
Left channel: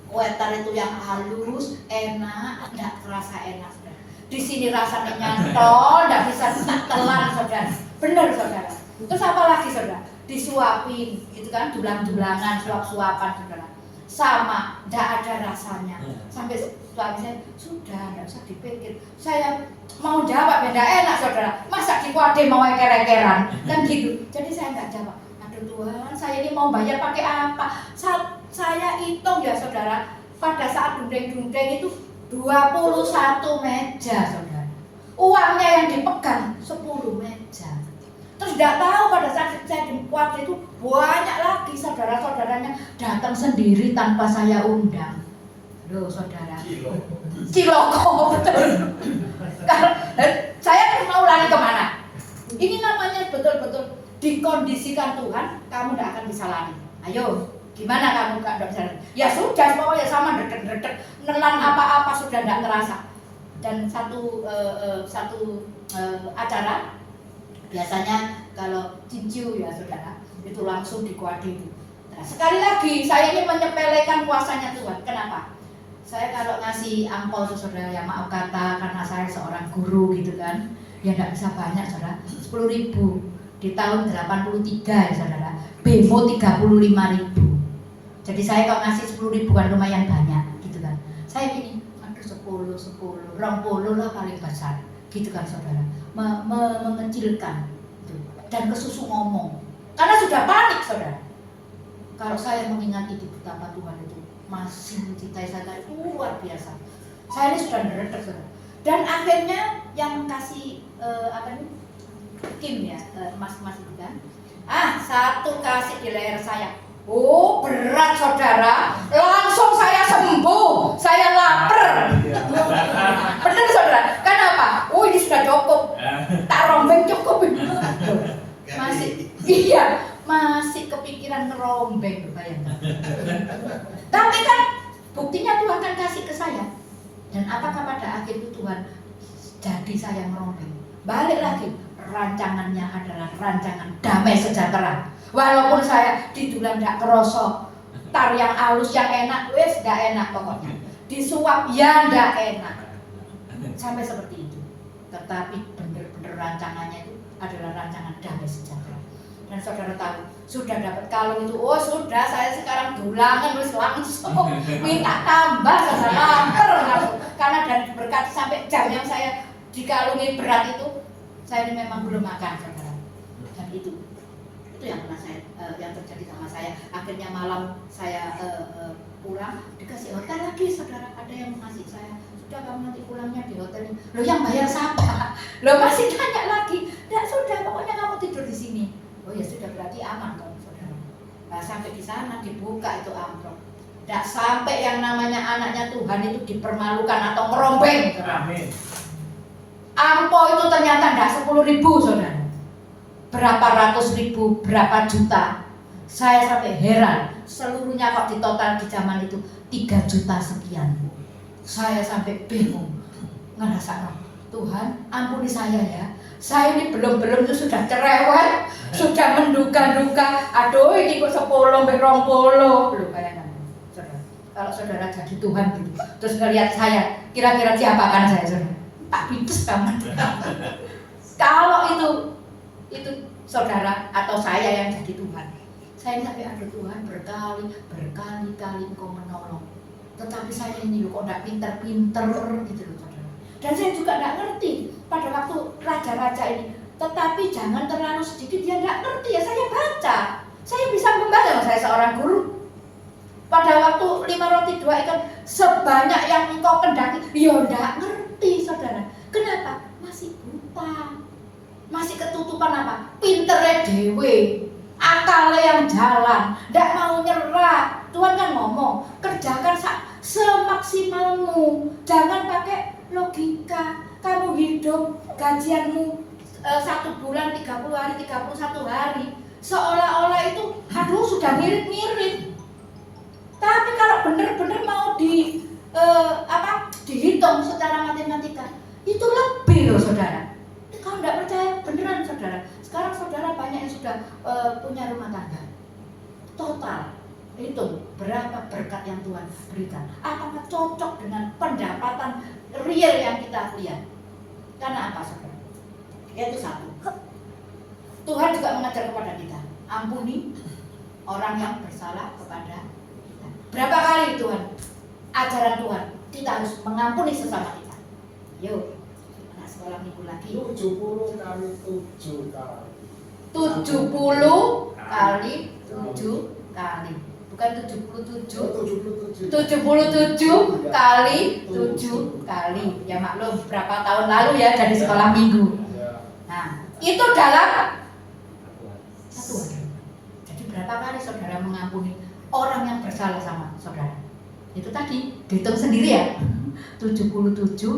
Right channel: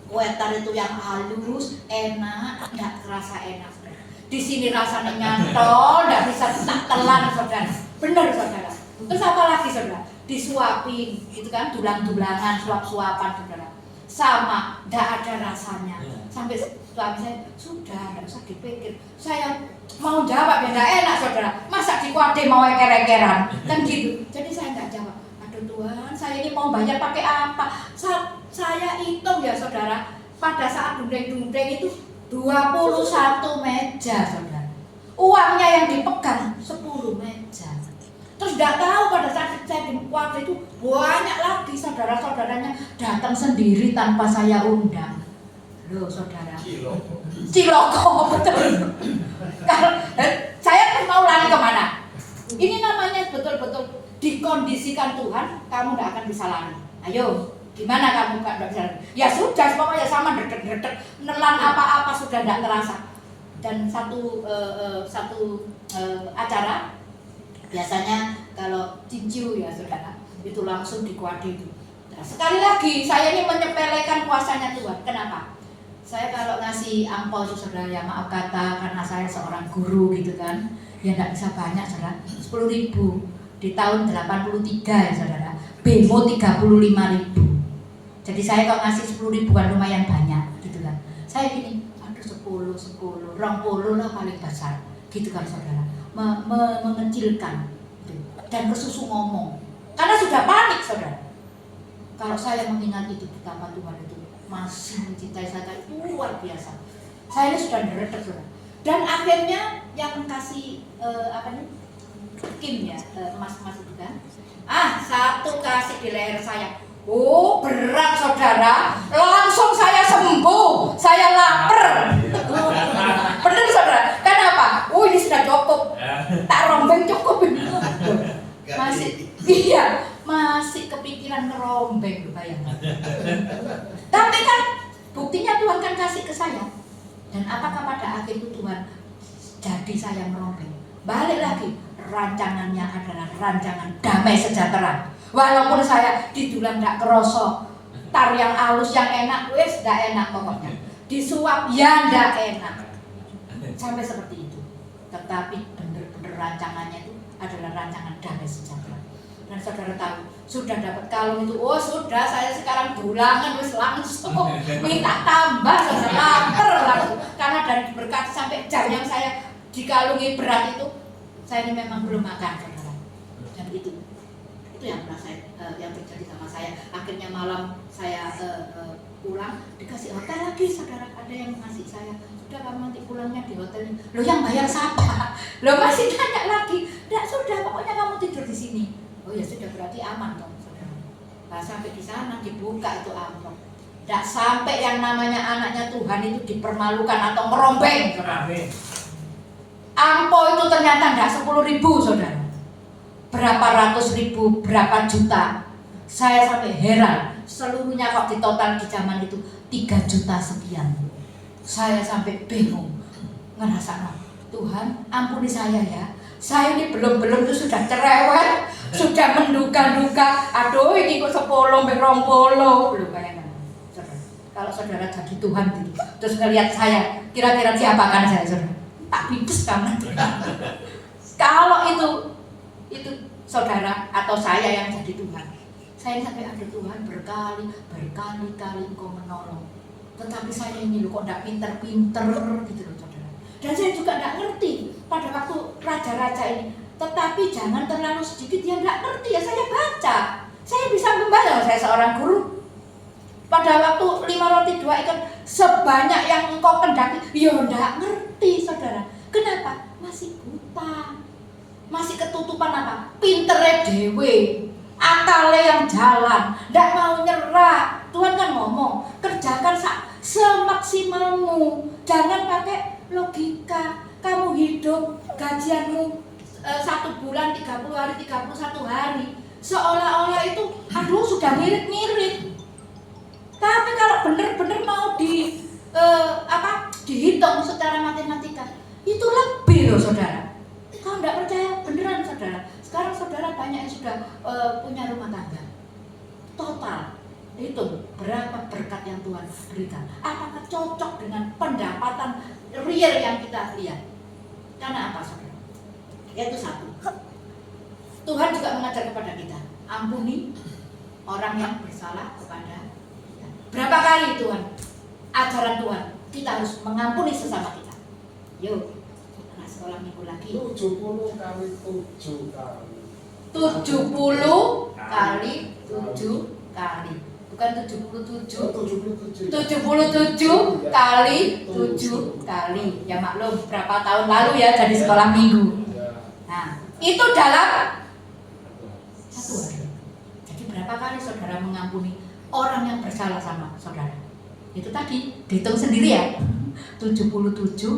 Kuetan itu yang halus, enak, nggak terasa enak saudara. Di sini rasanya nyantol, nggak bisa tak telan saudara. Benar saudara. Terus apa lagi saudara? Disuapin, itu kan dulang-dulangan, suap-suapan saudara. Sama, nggak ada rasanya. Sampai suami saya, sudah, nggak usah dipikir. Saya mau jawab, beda enak saudara. Masa dikuade mau eker-ekeran, kan gitu. Jadi saya nggak jawab. Aduh Tuhan, saya ini mau bayar pakai apa? Saya hitung ya saudara. Pada saat dundeng-dundeng itu 21 meja saudara. Uangnya yang dipegang 10 meja. Terus nggak tahu pada saat saya di waktu itu banyak lagi saudara-saudaranya datang sendiri tanpa saya undang. Loh saudara, ciloko betul. Kalau saya mau lari kemana? Ini namanya betul-betul dikondisikan Tuhan, kamu nggak akan bisa lari. Ayo, gimana kamu nggak bisa lari? Ya sudah, pokoknya sama dedek-dedek, nelan apa-apa sudah nggak terasa. Dan satu acara biasanya kalau cinciu ya saudara, itu langsung dikuadi itu. Nah, sekali lagi saya ini menyepelekan kuasanya Tuhan. Kenapa? Saya kalau ngasih ampau itu saudara, ya maaf kata karena saya seorang guru gitu kan, ya nggak bisa banyak saudara. 10.000 di tahun 83 ya saudara, bemo 35.000. Jadi saya kalau ngasih 10.000 kan lumayan banyak gitu kan. Saya gini, aduh 10, 20 lah paling besar gitu kan saudara. Mengecilkan gitu. Dan kesusu ngomong karena sudah panik saudara. Kalau saya mengingat itu betapa Tuhan itu masih mencintai saya itu luar biasa. Saya ini sudah ngeredek saudara. Dan akhirnya yang kasih Kim ya, mas itu kan. Satu kasih di leher saya. Oh berat saudara, langsung saya sembuh, saya lapar. Benar saudara, kenapa? Oh ini sudah cukup, tak rombeng cukup. Masih kepikiran ngerombeng, bayangkan. Tapi kan buktinya Tuhan kan kasih ke saya. Dan apakah pada akhir itu Tuhan jadi saya merombeng? Balik lagi, rancangannya adalah rancangan damai sejahtera. Walaupun saya didulan ndak kerosok, tar yang halus yang enak, wes ndak enak pokoknya. Disuap ya ndak enak. Sampai seperti itu. Tetapi benar-benar rancangannya itu adalah rancangan damai sejahtera. Dan saudara tahu, sudah dapat kalung itu, oh sudah saya sekarang dulangan wes langsung minta tambah saudara, lapar langsung. Karena dan berkat sampai jam yang saya dikalungi berat itu, saya ini memang belum makan saudara. Dan itu yang pernah yang terjadi sama saya. Akhirnya malam saya pulang dikasih hotel lagi saudara, ada yang mengasih saya, sudah kamu nanti pulangnya di hotel ini. Loh yang bayar siapa? Loh masih tanya lagi. Tidak sudah, pokoknya kamu tidur di sini. Oh ya sudah, berarti aman dong saudara. Nah sampai di sana dibuka itu amplop. Tidak sampai yang namanya anaknya Tuhan itu dipermalukan atau merombeng. Amin. Amplop itu ternyata tidak 10.000 saudara. Berapa ratus ribu, berapa juta. Saya sampai heran, seluruhnya kok di total di zaman itu 3 juta sekian. Saya sampai bingung, ngerasa Tuhan ampuni saya ya. Saya ini belum itu sudah cerewet, sudah menduga-duga. Aduh ini kok 10 sampai 20. Belum bayangkan saudara. Kalau saudara jadi Tuhan gitu, terus ngelihat saya, kira-kira siapa kan saya saudara? Tak bides kamu. Kalau itu saudara atau saya yang jadi Tuhan, saya sampai ada Tuhan berkali-kali Engkau menolong. Tetapi saya ini loh kok tidak pinter-pinter gitu loh saudara. Dan saya juga tidak ngerti pada waktu raja-raja ini. Tetapi jangan terlalu sedikit, dia tidak ngerti ya, saya baca. Saya bisa membaca, saya seorang guru. Pada waktu 5 roti 2 ikan sebanyak yang engkau kendaki, ya tidak ngerti saudara. Kenapa? Masih buta. Masih ketutupan apa? Pintere dewe, akale yang jalan, ndak mau nyerah. Tuhan kan ngomong, kerjakan semaksimalmu, jangan pakai logika. Kamu hidup gajianmu 1 bulan 30 hari, 31 hari, seolah-olah itu aduh sudah mirip-mirip. Tapi kalau benar-benar mau dihitung secara matematika, itu lebih loh saudara. Kalau tidak percaya beneran saudara, sekarang saudara hitung berapa berkat yang Tuhan berikan. Apakah cocok dengan pendapatan real yang kita lihat? Karena apa, saudara? Yaitu satu, Tuhan juga mengajar kepada kita, ampuni orang yang bersalah kepada kita. Berapa kali Tuhan, ajaran Tuhan, kita harus mengampuni sesama kita. Yuk, anak sekolah minggu lagi. 70 kali 7 kali. 70 kali 7 kali. Bukan 77. 77 kali 7 kali. Ya maklum berapa tahun lalu ya dari sekolah minggu. Nah, itu dalam satu hari. Jadi berapa kali saudara mengampuni orang yang bersalah sama saudara? Itu tadi dihitung sendiri ya. 77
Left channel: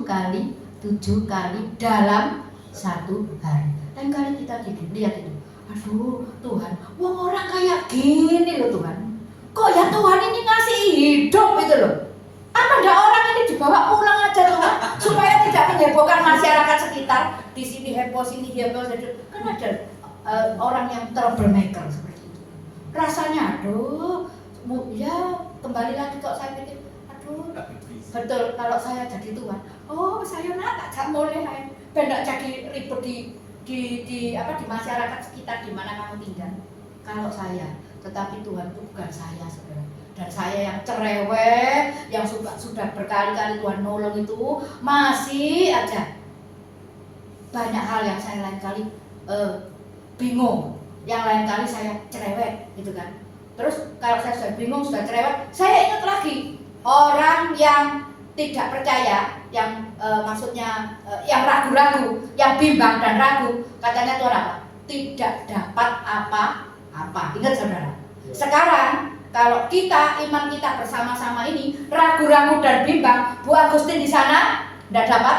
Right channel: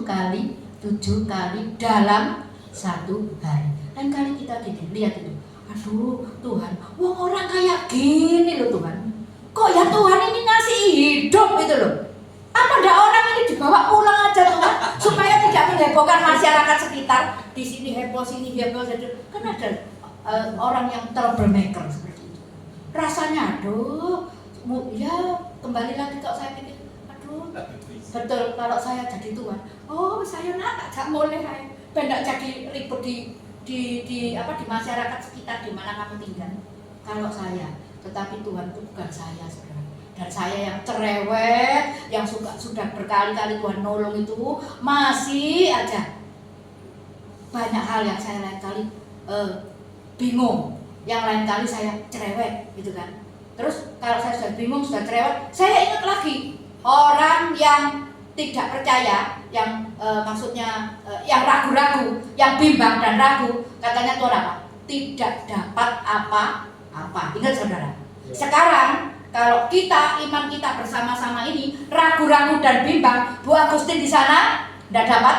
kali 7 kali dalam satu hari. Lain kali kita gini, lihat itu. Aduh Tuhan, wong orang kayak gini loh Tuhan. Kok ya Tuhan ini ngasih hidup gitu loh. Apa ndak orang ini dibawa pulang aja Tuhan supaya tidak menghebohkan masyarakat sekitar. Di sini heboh, sini heboh. Kan ada orang yang troublemaker seperti itu. Rasanya aduh, ya kembali lagi kok saya pikir, aduh betul kalau saya jadi Tuhan. Oh saya nak gak boleh, pendak jadi ribut di masyarakat sekitar di mana kamu tinggal. Kalau saya, tetapi Tuhan itu bukan saya, saudara. Dan saya yang cerewet, yang sudah berkali-kali Tuhan nolong itu masih aja banyak hal yang saya lain kali bingung, yang lain kali saya cerewet, gitu kan. Terus kalau saya sudah bingung, sudah cerewet, saya ingat lagi orang yang tidak percaya, yang maksudnya yang ragu-ragu, yang bimbang dan ragu, katanya Tuhan apa? Tidak dapat apa-apa. Ingat saudara. Sekarang kalau kita iman kita bersama-sama ini ragu-ragu dan bimbang, Bu Agustin di sana tidak dapat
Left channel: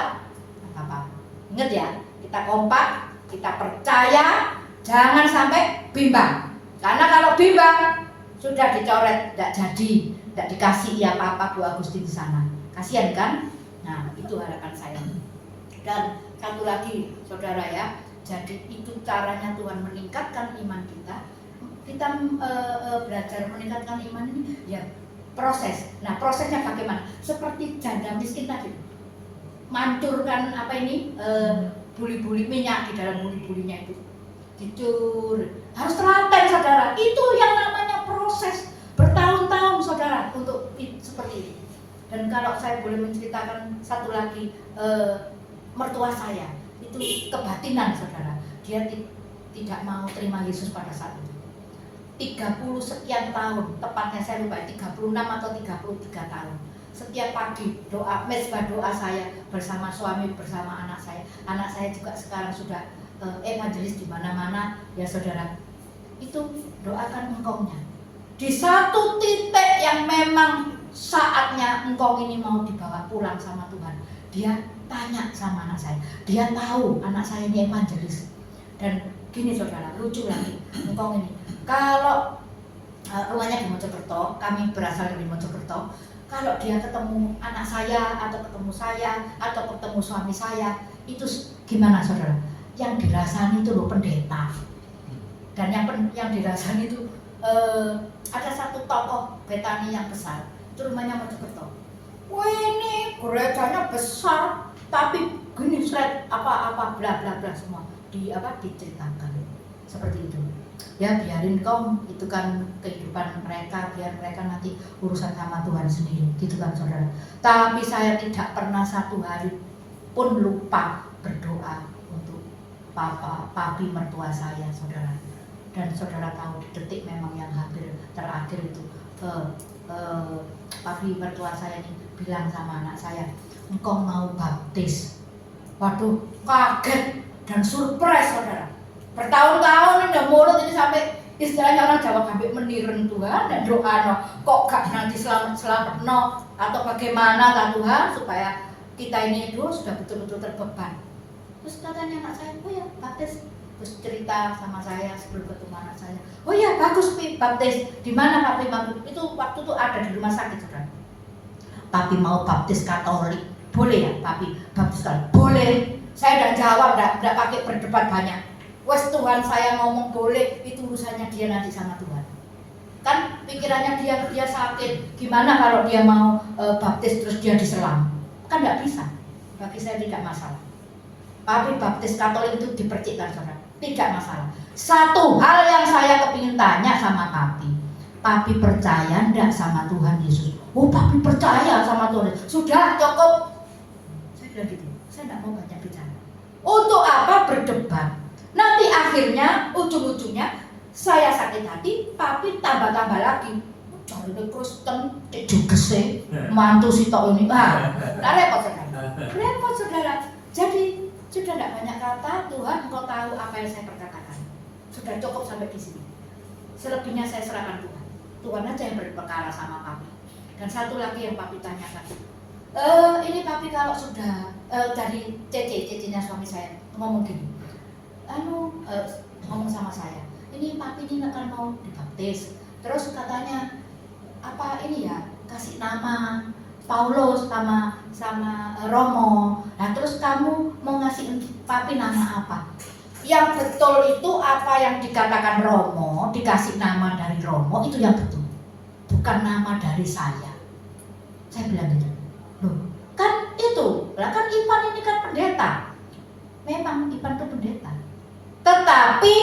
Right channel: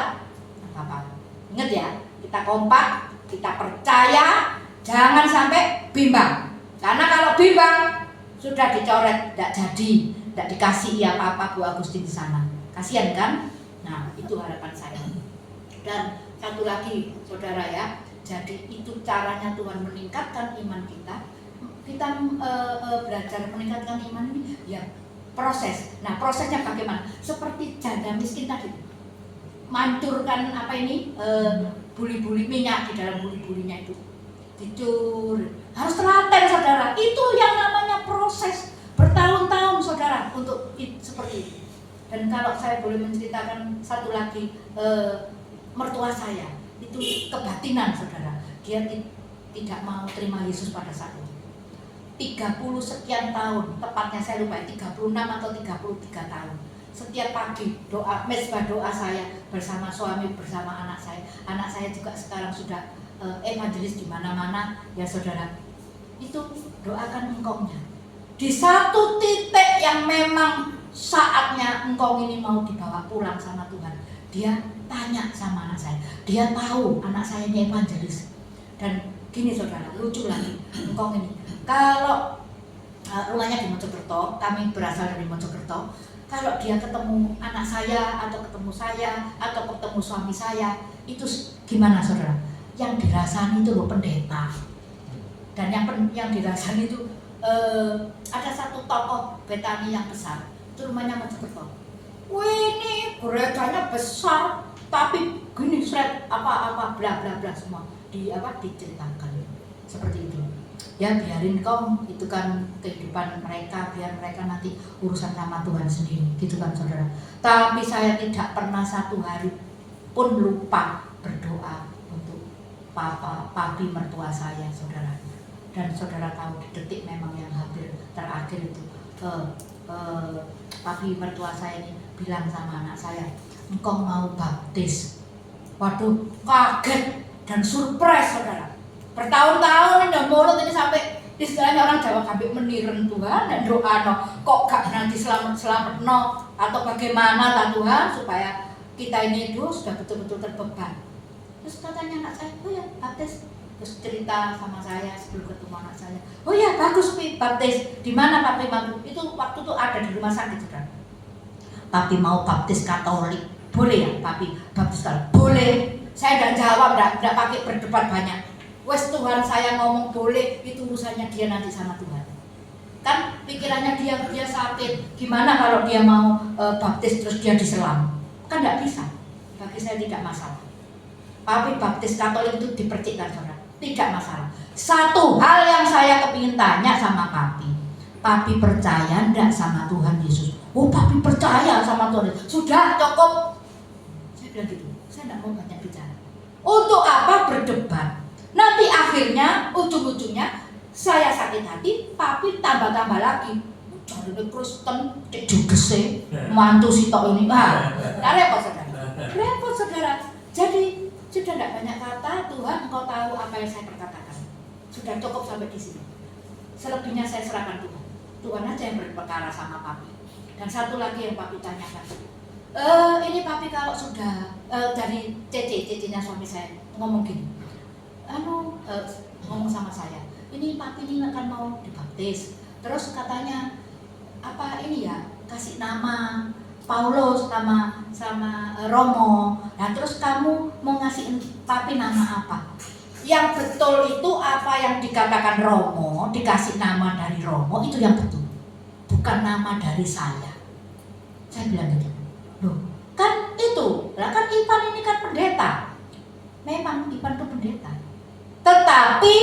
apa-apa. Ingat ya, kita kompak, kita percaya, jangan sampai bimbang. Karena kalau bimbang sudah dicoret, tidak jadi, tidak dikasih apa-apa Bu Agustin di sana. Kasihan kan? Nah, itu harapan saya. Dan satu lagi, saudara ya, jadi itu caranya Tuhan meningkatkan iman kita. Kita belajar meningkatkan iman ini, ya proses. Nah, prosesnya bagaimana? Seperti janda miskin tadi, mancurkan buli-buli minyak di dalam buli-bulinya itu, dicur. Harus telaten, saudara. Itu yang namanya proses bertahun-tahun, saudara, untuk seperti itu. Dan kalau saya boleh menceritakan satu lagi, mertua saya itu kebatinan, saudara. Dia tidak mau terima Yesus pada saat itu. 30 sekian tahun, tepatnya saya lupa 36 atau 33 tahun. Setiap pagi doa, mesbah doa saya bersama suami, bersama anak saya. Anak saya juga sekarang sudah evangelis di mana-mana, ya saudara. Itu doakan engkongnya. Di satu titik yang memang saatnya engkong ini mau dibawa pulang sama Tuhan, dia tanya sama anak saya. Dia tahu anak saya ini evangelis. Dan gini saudara, lucu lagi, engkong ini. Kalau rumahnya di Mojokerto, kami berasal dari Mojokerto. Kalau dia ketemu anak saya atau ketemu saya atau ketemu suami saya, itu gimana saudara? Yang dirasani itu loh pendeta. Dan yang dirasani itu ada satu tokoh Betani yang besar. Itu rumahnya Mojokerto. Wih, ini gerejanya besar, tapi gini seret apa bla bla bla semua diceritakan seperti itu. Ya biarin kong, itu kan kehidupan mereka, biar mereka nanti urusan sama Tuhan sendiri, gitu kan saudara. Tapi saya tidak pernah satu hari pun lupa berdoa untuk papi mertua saya, saudara. Dan saudara tahu di detik memang yang hampir terakhir itu papi mertua saya ini bilang sama anak saya, engkau mau baptis. Waduh, kaget dan surprise saudara. Bertahun-tahun ini mulut ini sampai istilahnya orang Jawa sampai meniren Tuhan dan doa kok gak nanti selamat atau bagaimana lah Tuhan supaya kita ini sudah betul-betul terbeban. Terus katanya anak saya, oh ya baptis. Terus cerita sama saya sebelum ketemu anak saya, oh ya bagus Pi, baptis. Di mana Papi mau? Itu waktu itu ada di rumah sakit saudara. Papi mau baptis Katolik, boleh ya Papi baptis Katolik? Boleh. Saya tidak jawab, tidak pakai berdebat banyak. Wes Tuhan saya ngomong boleh, itu urusannya dia nanti sama Tuhan. Kan pikirannya dia sakit, gimana kalau dia mau baptis terus dia diselam? Kan nggak bisa. Bagi saya tidak masalah. Tapi baptis Katolik itu dipercikkan, saudara, tidak masalah. Satu hal yang saya kepingin tanya sama Papi percaya enggak sama Tuhan Yesus? Oh, Papi percaya sama Tuhan Yesus. Sudah cukup. Saya bilang gitu. Saya enggak mau banyak bicara. Untuk apa berdebat? Nanti akhirnya ujung-ujungnya saya sakit hati, Papi tambah-tambah lagi. Cari Kristen, cek juga sih, mantu si tok ini. Repot saudara. Repot saudara. Jadi sudah tidak banyak kata, Tuhan Engkau tahu apa yang saya perkatakan. Sudah cukup sampai di sini. Selebihnya saya serahkan Tuhan. Tuhan aja yang berperkara sama Papi. Dan satu lagi yang Papi tanyakan. Ini Papi kalau sudah dari cece-cecenya suami saya ngomong gini. Ngomong sama saya. Ini Papi ini akan mau dibaptis. Terus katanya apa ini ya? Kasih nama Paulus sama Romo. Nah, terus kamu mau ngasih Papi nama apa? Yang betul itu apa yang dikatakan Romo, dikasih nama dari Romo, itu yang betul. Bukan nama dari saya. Saya bilang gitu. Loh, kan itu. Lah kan Ipan ini kan pendeta. Memang Ipan itu pendeta. Tetapi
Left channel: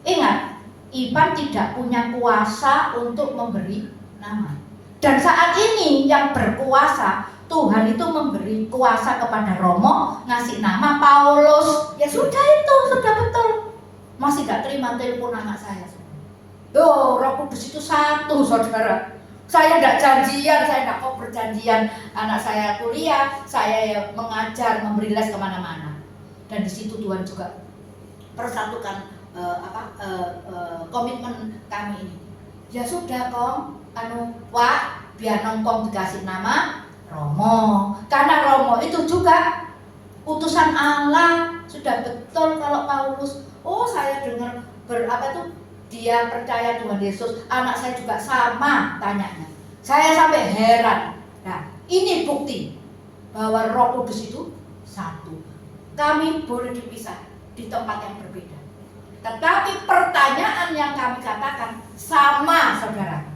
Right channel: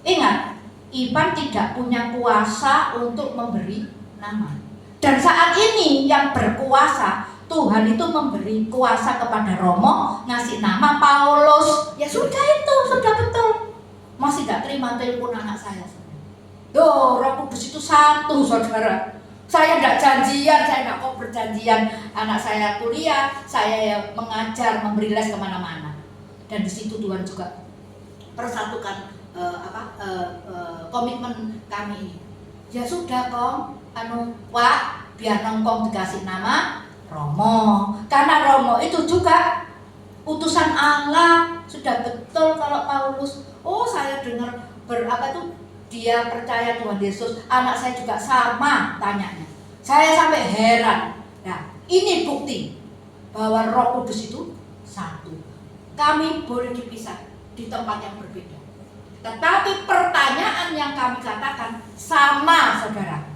ingat, Ipan tidak punya kuasa untuk memberi nama. Dan saat ini yang berkuasa, Tuhan itu memberi kuasa kepada Romo, ngasih nama Paulus. Ya sudah itu, sudah betul. Masih gak terima telepon anak saya. Duh, Roh Kudus itu satu, saudara. Saya tidak janjian, saya tidak kok berjanjian. Anak saya kuliah, saya mengajar, memberi les kemana-mana. Dan di situ Tuhan juga persatukan komitmen kami ini. Ya sudah Kong, Pak, biar nongkong dikasih nama Romo. Karena Romo itu juga utusan Allah. Sudah betul kalau Paulus. Oh, saya dengar dia percaya Tuhan Yesus. Anak saya juga sama tanyanya. Saya sampai heran. Nah, ini bukti bahwa Roh Kudus itu satu. Kami boleh dipisah di tempat yang berbeda. Tetapi pertanyaan yang kami katakan sama, saudara.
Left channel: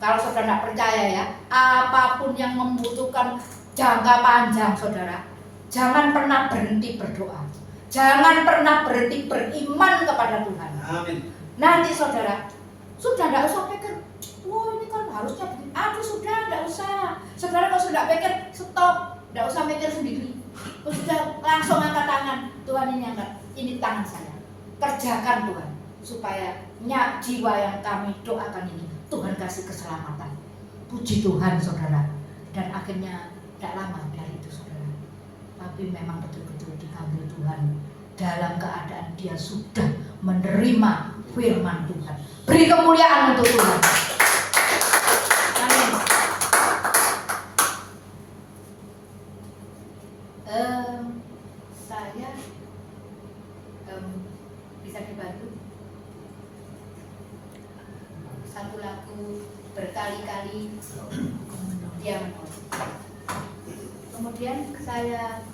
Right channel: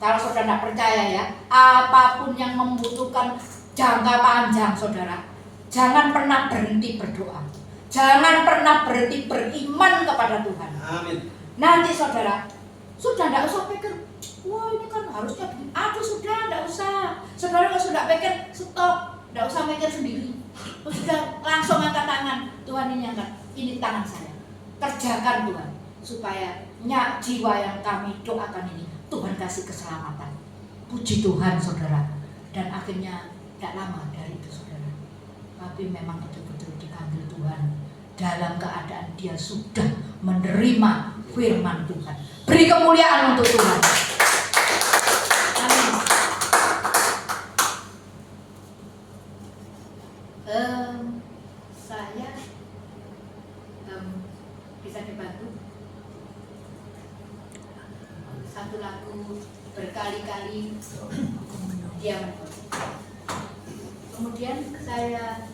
Kalau saudara tidak percaya ya, apapun yang membutuhkan jangka panjang, saudara, jangan pernah berhenti berdoa. Jangan pernah berhenti beriman kepada Tuhan. Amin. Nanti saudara, sudah tidak usah pikir, wah ini kan harusnya begini. Aduh sudah, tidak usah. Saudara kalau sudah pikir, stop. Tidak usah mikir sendiri. Sudah langsung angkat tangan. Tuhan ini angkat, ini tangan saya. Kerjakan Tuhan, supaya jiwa yang kami doakan ini Tuhan kasih keselamatan. Puji Tuhan saudara. Dan akhirnya tidak lama dari itu saudara, tapi memang betul-betul diambil Tuhan dalam keadaan dia sudah menerima firman Tuhan. Beri kemuliaan untuk Tuhan. Amin. Saya bisa dibantu satu lagu berkali-kali dia menurut. Kemudian saya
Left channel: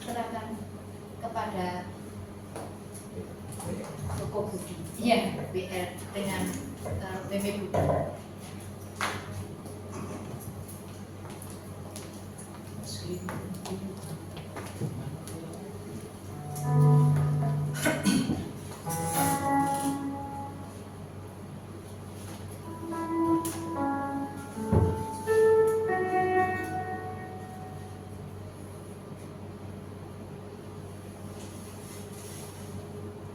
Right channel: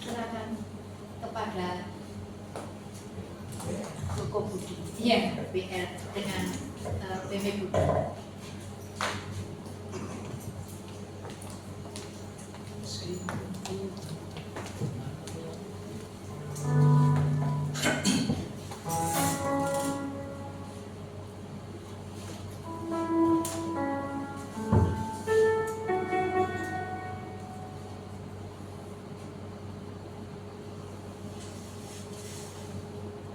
serahkan kepada Joko Budi, BR dengan BM Budi.